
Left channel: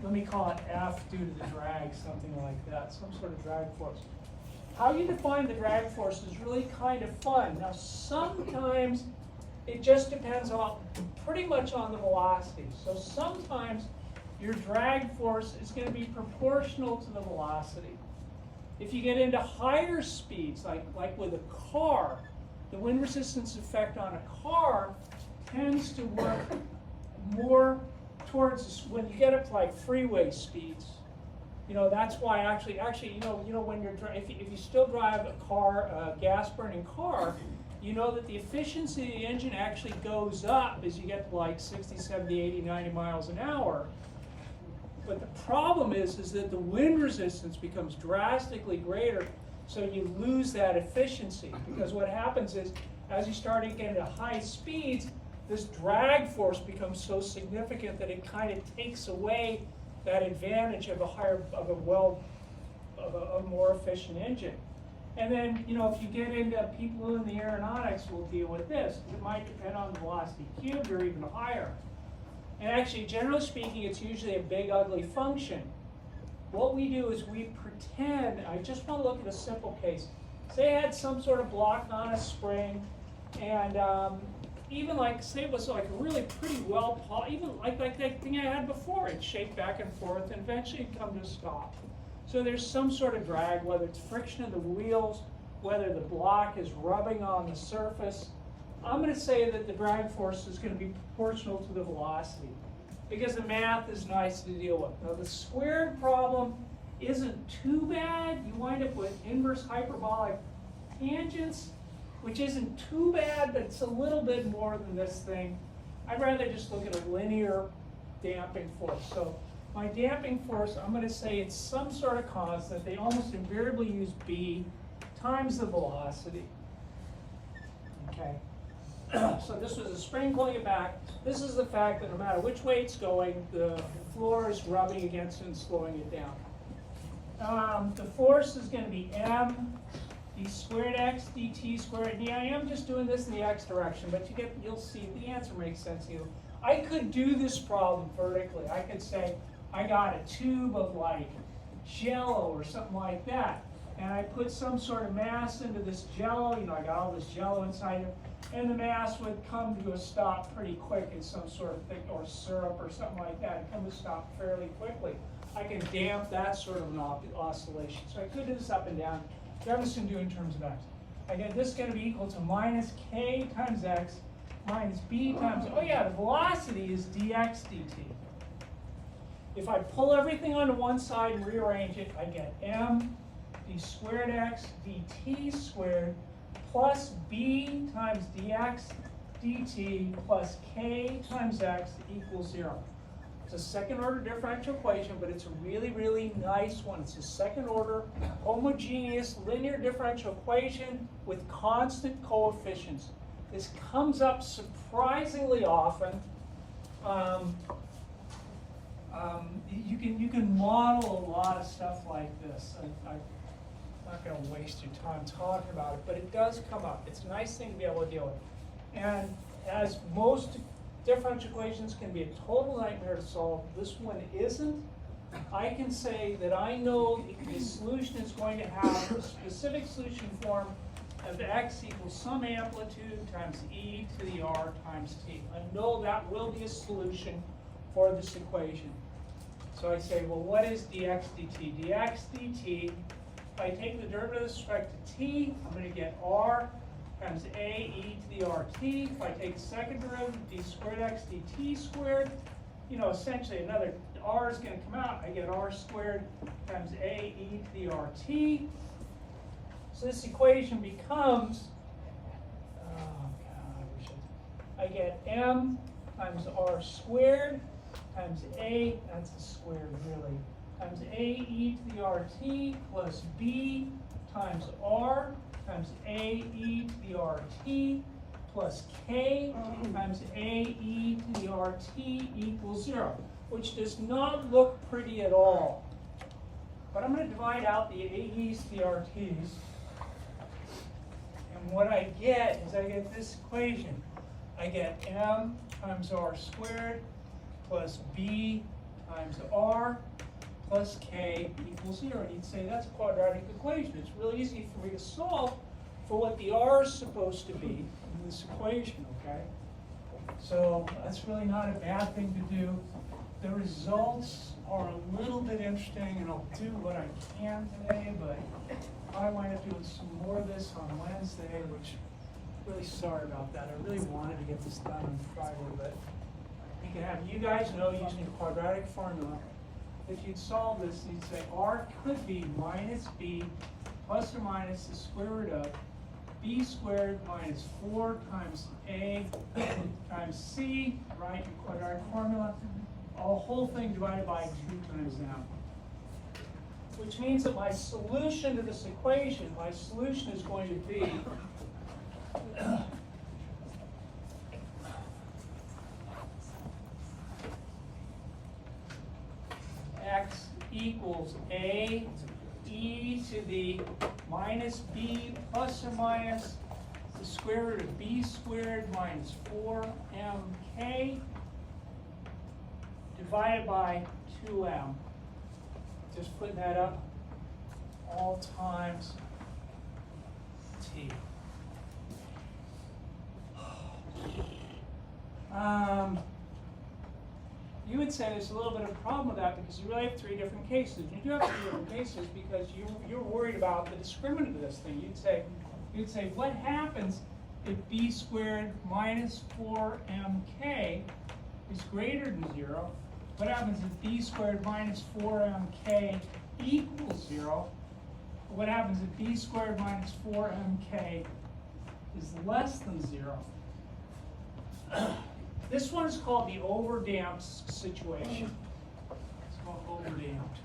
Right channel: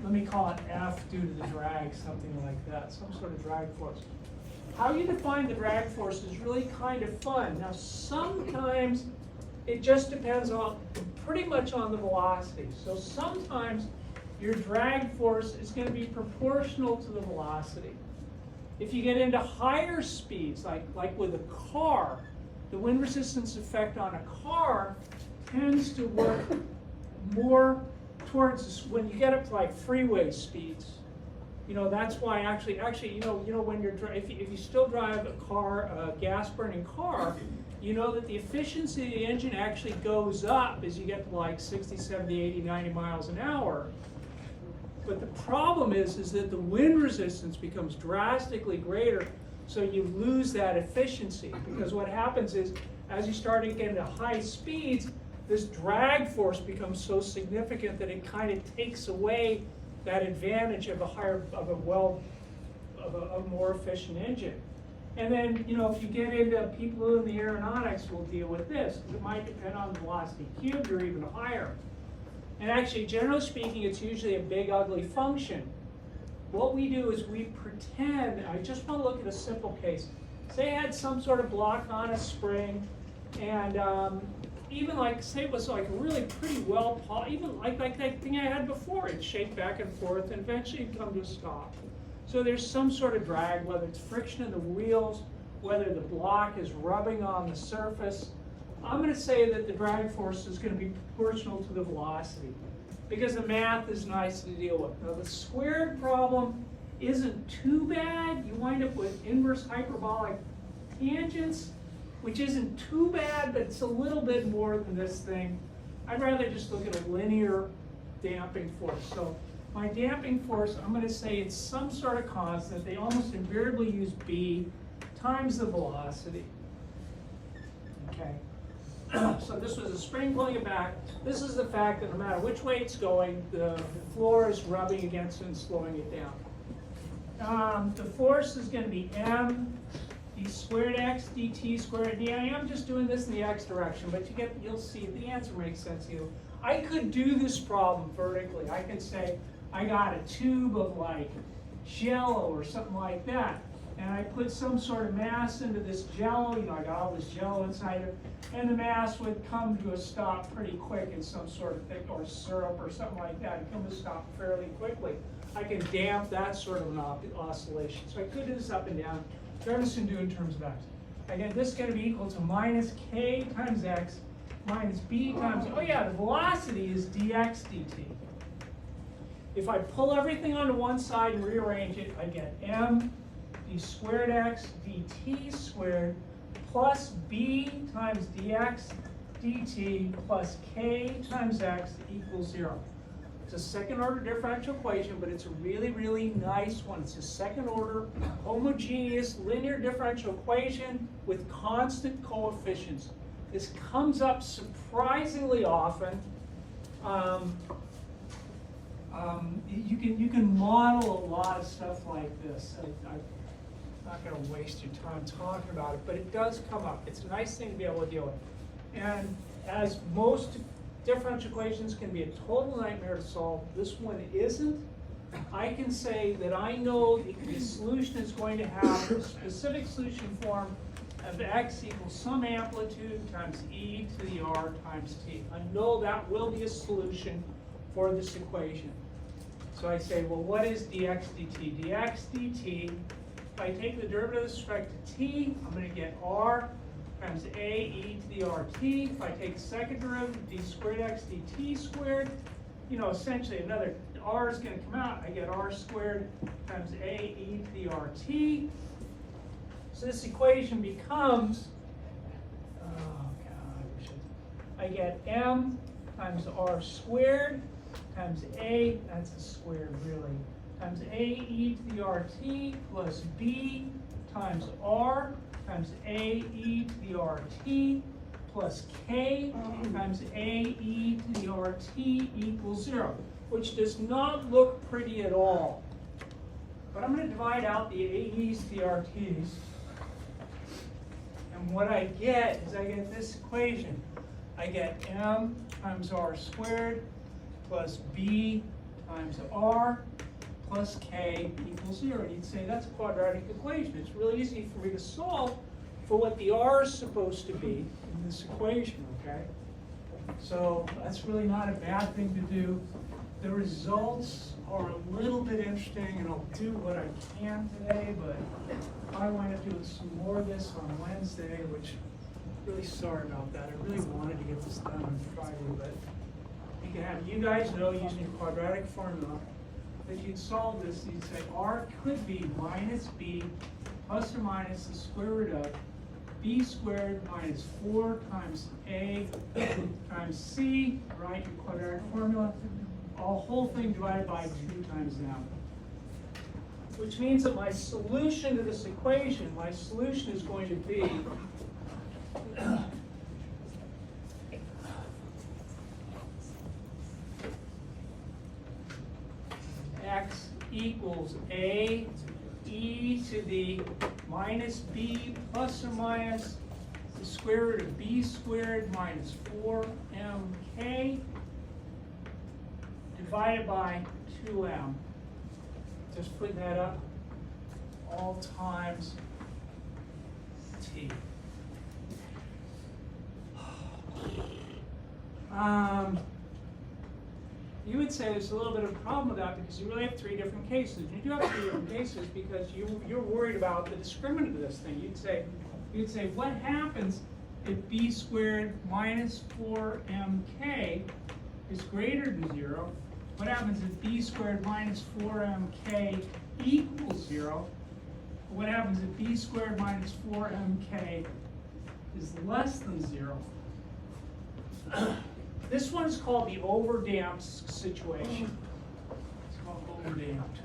let me call it F due to the drag, something like that, some sort of drag force. How you define the drag force is really kind of fun. Now, sometimes it just depends on pretty much on the velocity. So sometimes your drag force is going to be proportional to the velocity. If you get into higher speeds, like with a car, the wind resistance effect on a car tends to work more towards this, when you get up to like freeway speeds. You know, that's why actually, you know, when you're if you still drive a car, a gas-burning car, you know that the efficiency of the engine actually goes up as you get to like 60, 70, 80, 90 miles an hour. But the problem is that the wind resistance becomes drastically greater, so you lose that efficiency. Because what happens is, as you start to get into high speeds, this drag force becomes so significant that it kind of takes away that advantage of a more efficient engine. And then, you know, if you get into people who in the aeronautics will deal with this, it might depend on velocity cubed or even higher. And actually, generally speaking, it's usually a big, ugly function. What we do is we pretend, I just want to look at a simple case. Say I had some sort of block on a spring, and even like, say it was like a really pretty well, even like that thing I had before, it shake back and forth, and eventually it'd come to a stop. So there's some sort of drag, whether it's friction in the wheels, whether the block is rubbing on the surface. I'm going to say that the drag force is going to be proportional to the velocity, because the math is nice to deal with. Now the squared problem isn't too bad. You wind up with inverse hyperbolic tangents, which isn't too bad, but it's a little bit more than this thing. I'd rather just look at a linear damping force. So my damping force, I'm going to say it's some sort of constant. They almost invariably use B times the velocity. Okay. So this was a spring pulling it back. This is the fact that no matter which way it's going, the floor is rubbing against it and slowing it down. The force is going to be m d squared x dt squared d. I am just doing this in the x direction, but you'll see the answer makes sense to you. I could do this problem vertically. I could say I got a tube of like Jello or something like that, and I put some sort of mass into this Jello. You know, I got all this Jello inside it, and the mass would come to a stop pretty quick in some sort of thing, or syrup or something like that, and come to a stop fairly quickly. I can damp that sort of an oscillation. So I could do this up and down. I'm just going to do it in terms of x. Again, this is going to be equal to minus k times x minus b times, oh yeah, the velocity is dx dt. If I pull everything onto one side and rearrange it, I get m d squared x dt squared plus b times dx dt plus k times x equals 0. It's a second order differential equation, but it's a really, really nice one. It's a second order homogeneous linear differential equation with constant coefficients. This comes up surprisingly often. You can model a lot of stuff like this. I'm not going to waste your time talking about it, but it does come up. It's a nice thing to be able to deal with. And as most differential equations can be a total nightmare to solve, this one isn't. I can say that I know the solution is going to have a specific solution form of x equals some amplitude times e to the r times t. I know that will be a solution for this equation. So I say, well, what is dx dt? Dx dt, if I take the derivative with respect to t, I'm going to get r times a e to the rt. If I take the second derivative, d squared x dt squared, you know, essentially another r is going to come out. I get r squared times a e to the rt. So this equation becomes, oh God, I get m times r squared times a, that's a squared really, times a e to the rt plus b times r times a e to the rt plus k times a e to the rt equals 0, which does not look pretty at all. But I'm going to divide out the a's to the rt's. And what I get is I get this equation. I get m times r squared plus b times r plus k equals 0. You'd say that's a quadratic equation. It's really easy for me to solve for what the r is supposed to be in this equation, okay? So that's really not a bad thing to do. The results are a little bit interesting, and I'll do what I can today, but I wind up doing some more of this on Wednesday, which I'm really sorry about that. I really wanted to get this done on Friday, but you can have you guys know using the quadratic formula, if you'd solve this, you'd say r could be minus b plus or minus the square root of b squared minus 4 times a times c, right, your quadratic formula, a whole thing divided by 2 times m. Which means that my solution to this equation, my solution is going to be equals A e to the minus b plus or minus the square root of b squared minus 4mk divided by 2m. Just putting that up, all times t. You would say there's a little bit of a problem with that because you really have three different cases. You do have three different cases because you're worried about the discriminant of this thing. You'd say what happens if b squared minus 4mk is greater than 0? What happens if b squared minus 4mk equals 0? What happens if b squared minus 4mk is less than 0? This one is called the overdamped situation. It's called overdamped.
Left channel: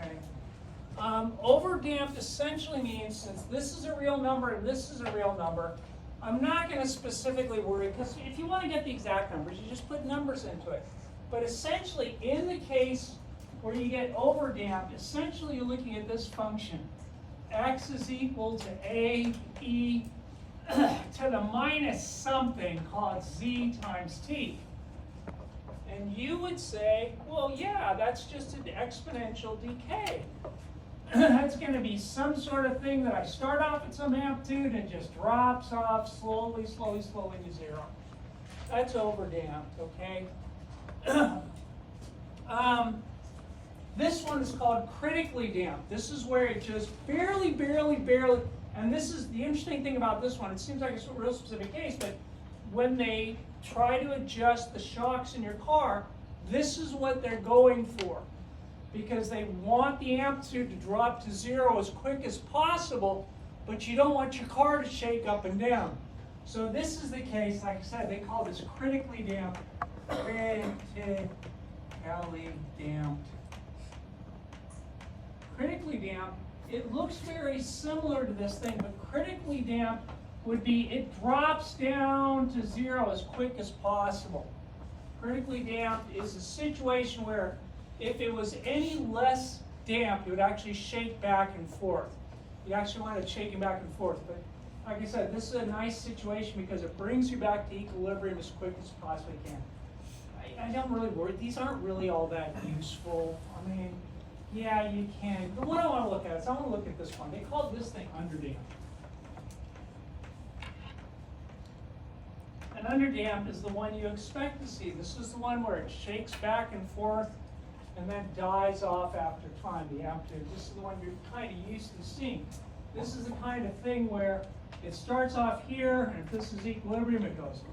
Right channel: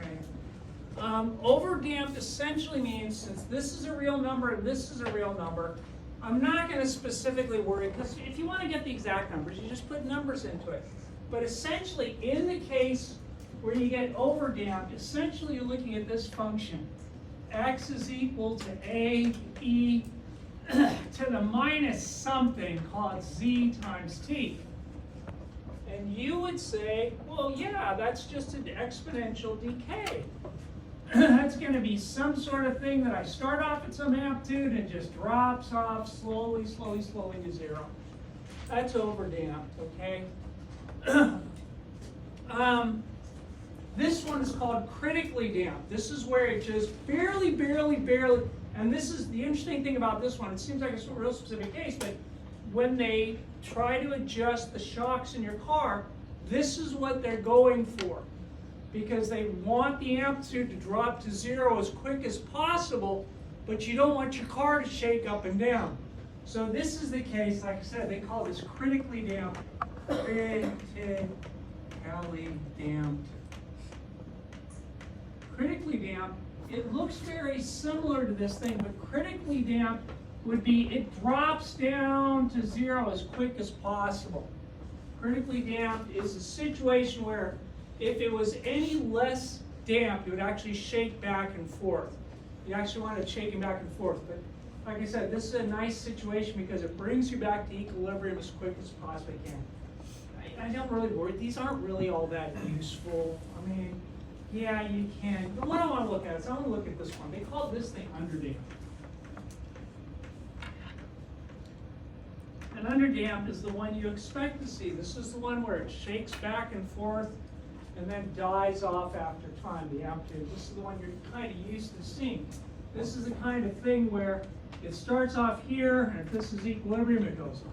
Okay. Overdamped essentially means since this is a real number and this is a real number, I'm not going to specifically worry, because if you want to get the exact numbers, you just put numbers into it. But essentially, in the case where you get overdamped, essentially you're looking at this function. X is equal to a e to the minus something called z times t. And you would say, well, yeah, that's just an exponential decay. That's going to be some sort of thing that I start off at some amplitude and just drops off slowly, slowly, slowly to 0. That's overdamped, okay? This one is called critically damped. This is where it just barely, and this is the interesting thing about this one. It seems like it's a real specific case, but when they try to adjust the shocks in your car, this is what they're going for. Because they want the amplitude to drop to 0 as quick as possible, but you don't want your car to shake up and down. So this is the case, like I said, they call this critically damped. Critically damped. Critically damped, it looks very similar to this thing, but critically damped would be it drops down to 0 as quick as possible. Critically damped is a situation where if it was any less damp, it would actually shake back and forth. You actually want it shaking back and forth. But like I said, this is a nice situation because it brings you back to equilibrium as quick as you possibly can. I don't really worry. These aren't really all that useful. I mean, yeah, you can. The one I want to look at is I want to look at this one. They call this thing underdamped. And underdamped is the one you expect to see. This is the one where it shakes back and forth and then dies off after time, the amplitude. This is the one you're kind of used to seeing. This is the kind of thing where it starts off here, and if this is equilibrium, it goes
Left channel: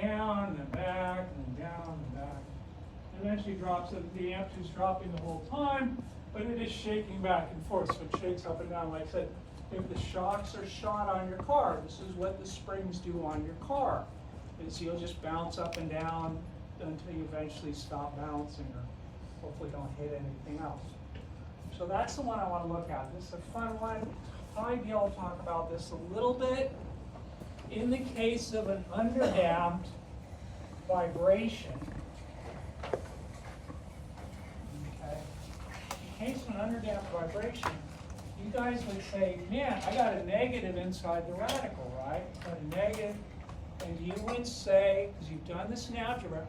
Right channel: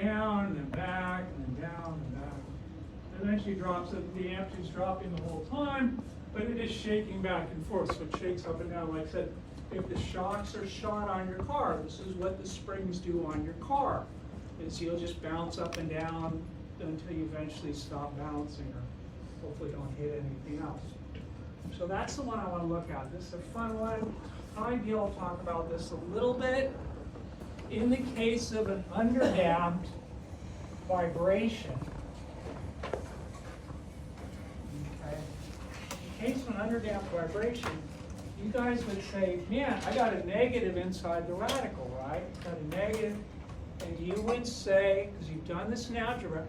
down and then back and then down and back. It eventually drops, the amplitude's dropping the whole time, but it is shaking back and forth, so it shakes up and down. Like I said, if the shocks are shot on your car, this is what the springs do on your car. Is you'll just bounce up and down until you eventually stop bouncing, or hopefully don't hit anything else. So that's the one I want to look at. This is a fun one. I'll be able to talk about this a little bit. In the case of an underdamped vibration, okay, in case of an underdamped vibration, you guys would say, man, I got a negative inside the radical, right? Got a negative, and you would say, because you've done this in algebra,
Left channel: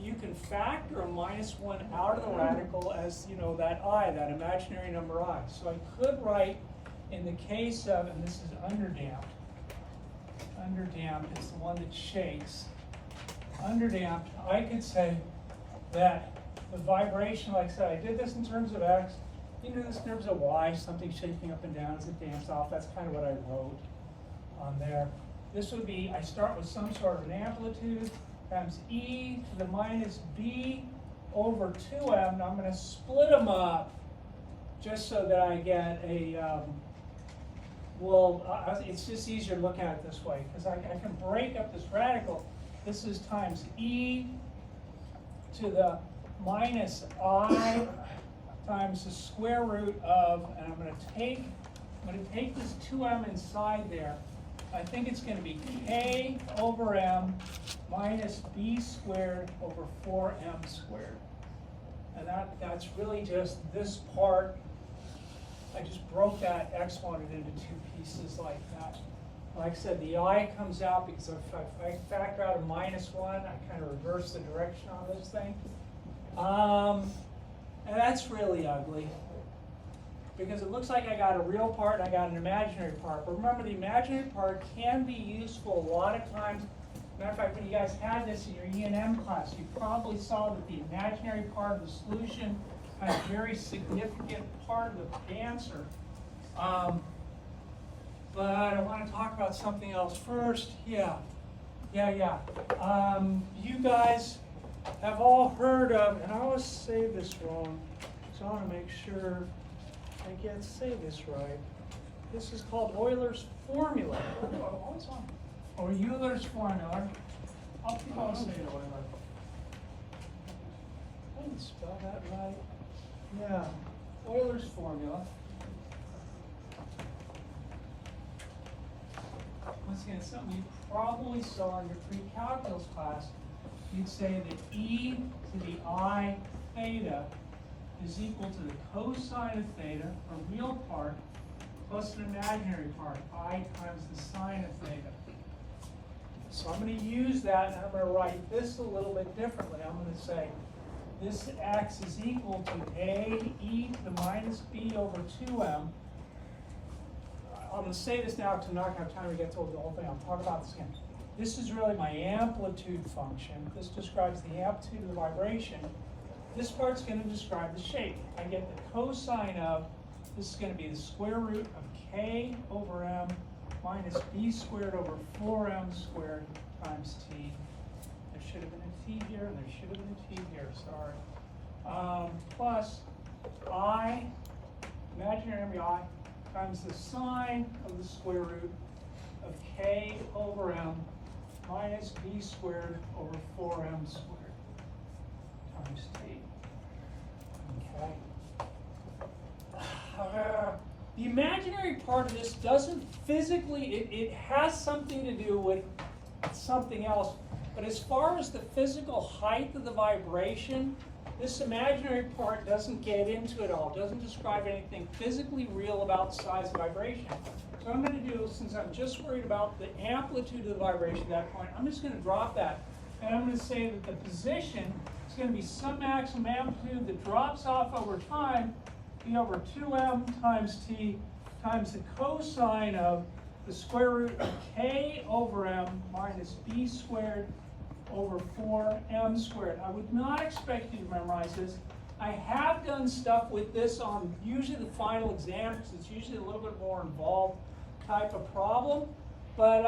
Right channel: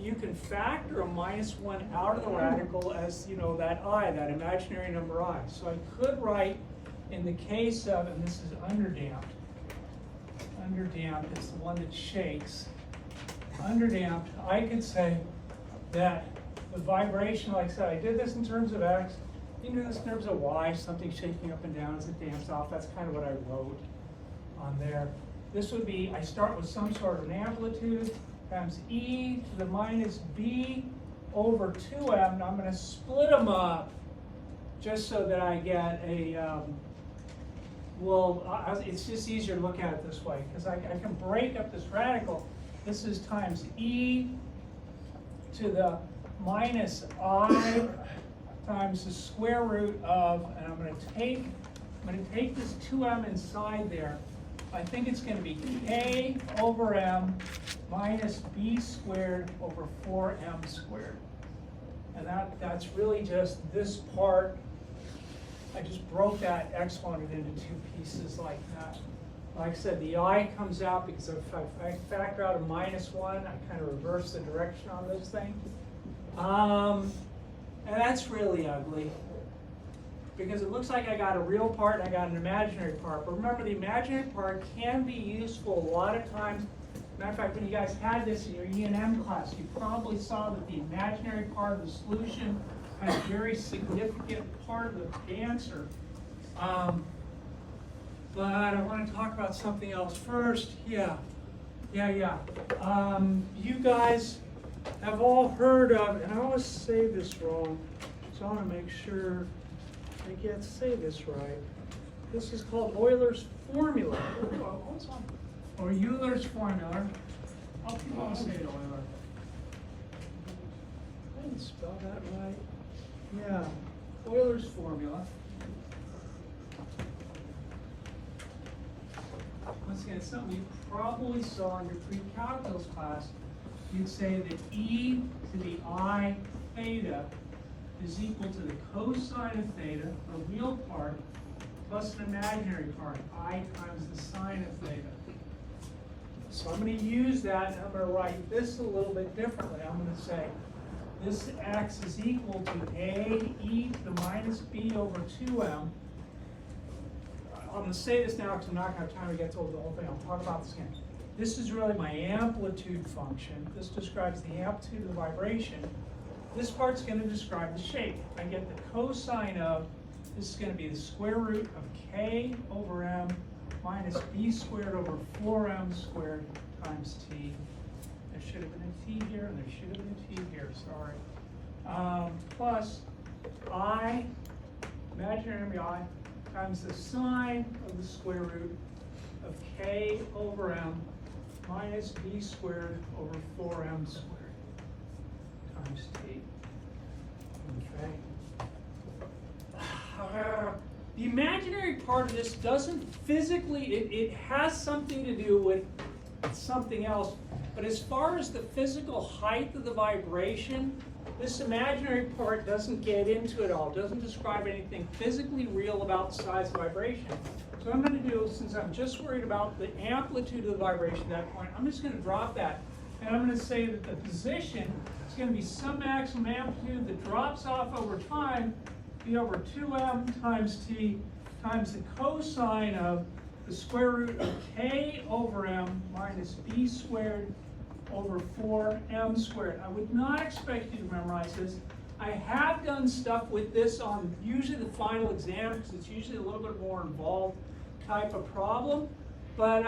you can factor a -1 out of the radical as, you know, that I, that imaginary number I. So I could write, in the case of, and this is underdamped. Underdamped is the one that shakes. Underdamped, I could say that the vibration, like I said, I did this in terms of X. You do this in terms of Y, something shaking up and down as it damps off. That's kind of what I wrote on there. This would be, I start with some sort of an amplitude times e to the minus b over 2m. Now I'm going to split them up just so that I get a, it's just easier to look at it this way because I can break up this radical. This is times e to the minus I times the square root of, and I'm going to take this 2m inside there. I think it's going to be k over m minus b squared over 4m squared. And that's really just this part. I just broke that exponent into two pieces like that. Like I said, the I comes out because if I factor out a -1, I kind of reverse the direction on this thing. And that's really ugly, because it looks like I got a real part and I got an imaginary part. But remember, the imaginary part can be useful a lot of times. Matter of fact, when you guys had this in your E&M class, you probably saw that the imaginary part of the solution has a very significant part of the answer. But I want to talk about something else first. Yeah. You guys have all heard of, and I always say this wrong, so I want to make sure I say this right. This is called Euler's formula, or Euler's formula. I'll say Euler. I didn't spell that right. Yeah, Euler's formula. Once again, it's something you probably saw in your pre-calculus class. You'd say that e to the I theta is equal to the cosine of theta, a real part, plus an imaginary part, I times the sine of theta. So I'm going to use that, and I'm going to write this a little bit differently. I'm going to say this x is equal to a e to the minus b over 2m. I'm going to say this now because I'm not going to have time to get through the whole thing. I'll talk about this again. This is really my amplitude function. This describes the amplitude of the vibration. This part's going to describe the shape. I get the cosine of, this is going to be the square root of k over m minus b squared over 4m squared times t. There should have been a t here, and there should have been a t here, sorry. Plus I, imaginary I, times the sine of the square root of k over m minus b squared over 4m squared times t. Okay. The imaginary part of this doesn't physically, it has something to do with something else, but as far as the physical height of the vibration, this imaginary part doesn't get into it all. It doesn't describe anything physically real about the size of vibration. So what I'm going to do, since I'm just worried about the amplitude of the vibration at that point, I'm just going to drop that. And I'm going to say that the position is going to be some maximum amplitude that drops off over time, be over 2m times t times the cosine of the square root of k over m minus b squared over 4m squared. I would not expect you to memorize this. I have done stuff with this on usually the final exam, because it's usually a little bit more involved type of problem. But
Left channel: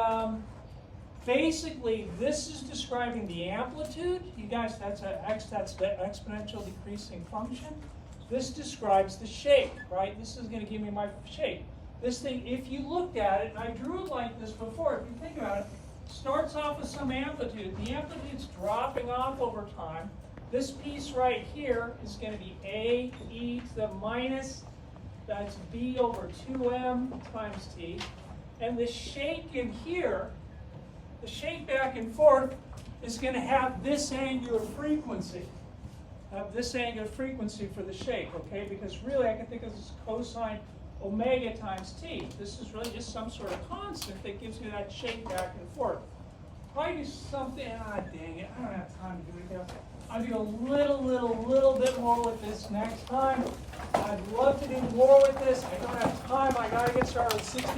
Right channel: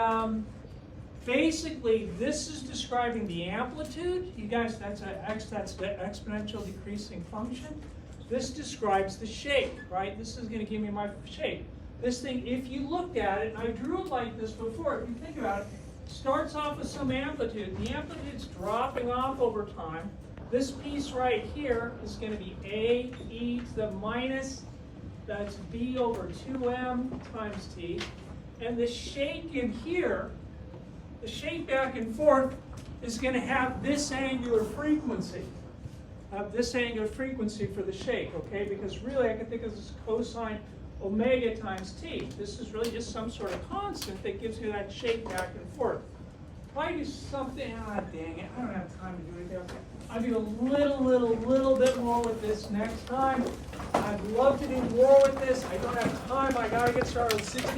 basically, this is describing the amplitude. You guys, that's the exponential decreasing function. This describes the shape, right? This is going to give me my shape. This thing, if you looked at it, and I drew it like this before, if you think about it, starts off with some amplitude. The amplitude's dropping off over time. This piece right here is going to be a e to the minus, that's b over 2m times t. And the shake in here, the shake back and forth, is going to have this angular frequency. This angular frequency for the shake, okay? Because really I can think of this cosine omega times t. This is really just some sort of constant that gives you that shake back and forth. If I do something, dang it, I don't have time to do it here. I'll do a little bit more with this next time. I'd love to do more with this. I don't have time. I gotta get started with 16.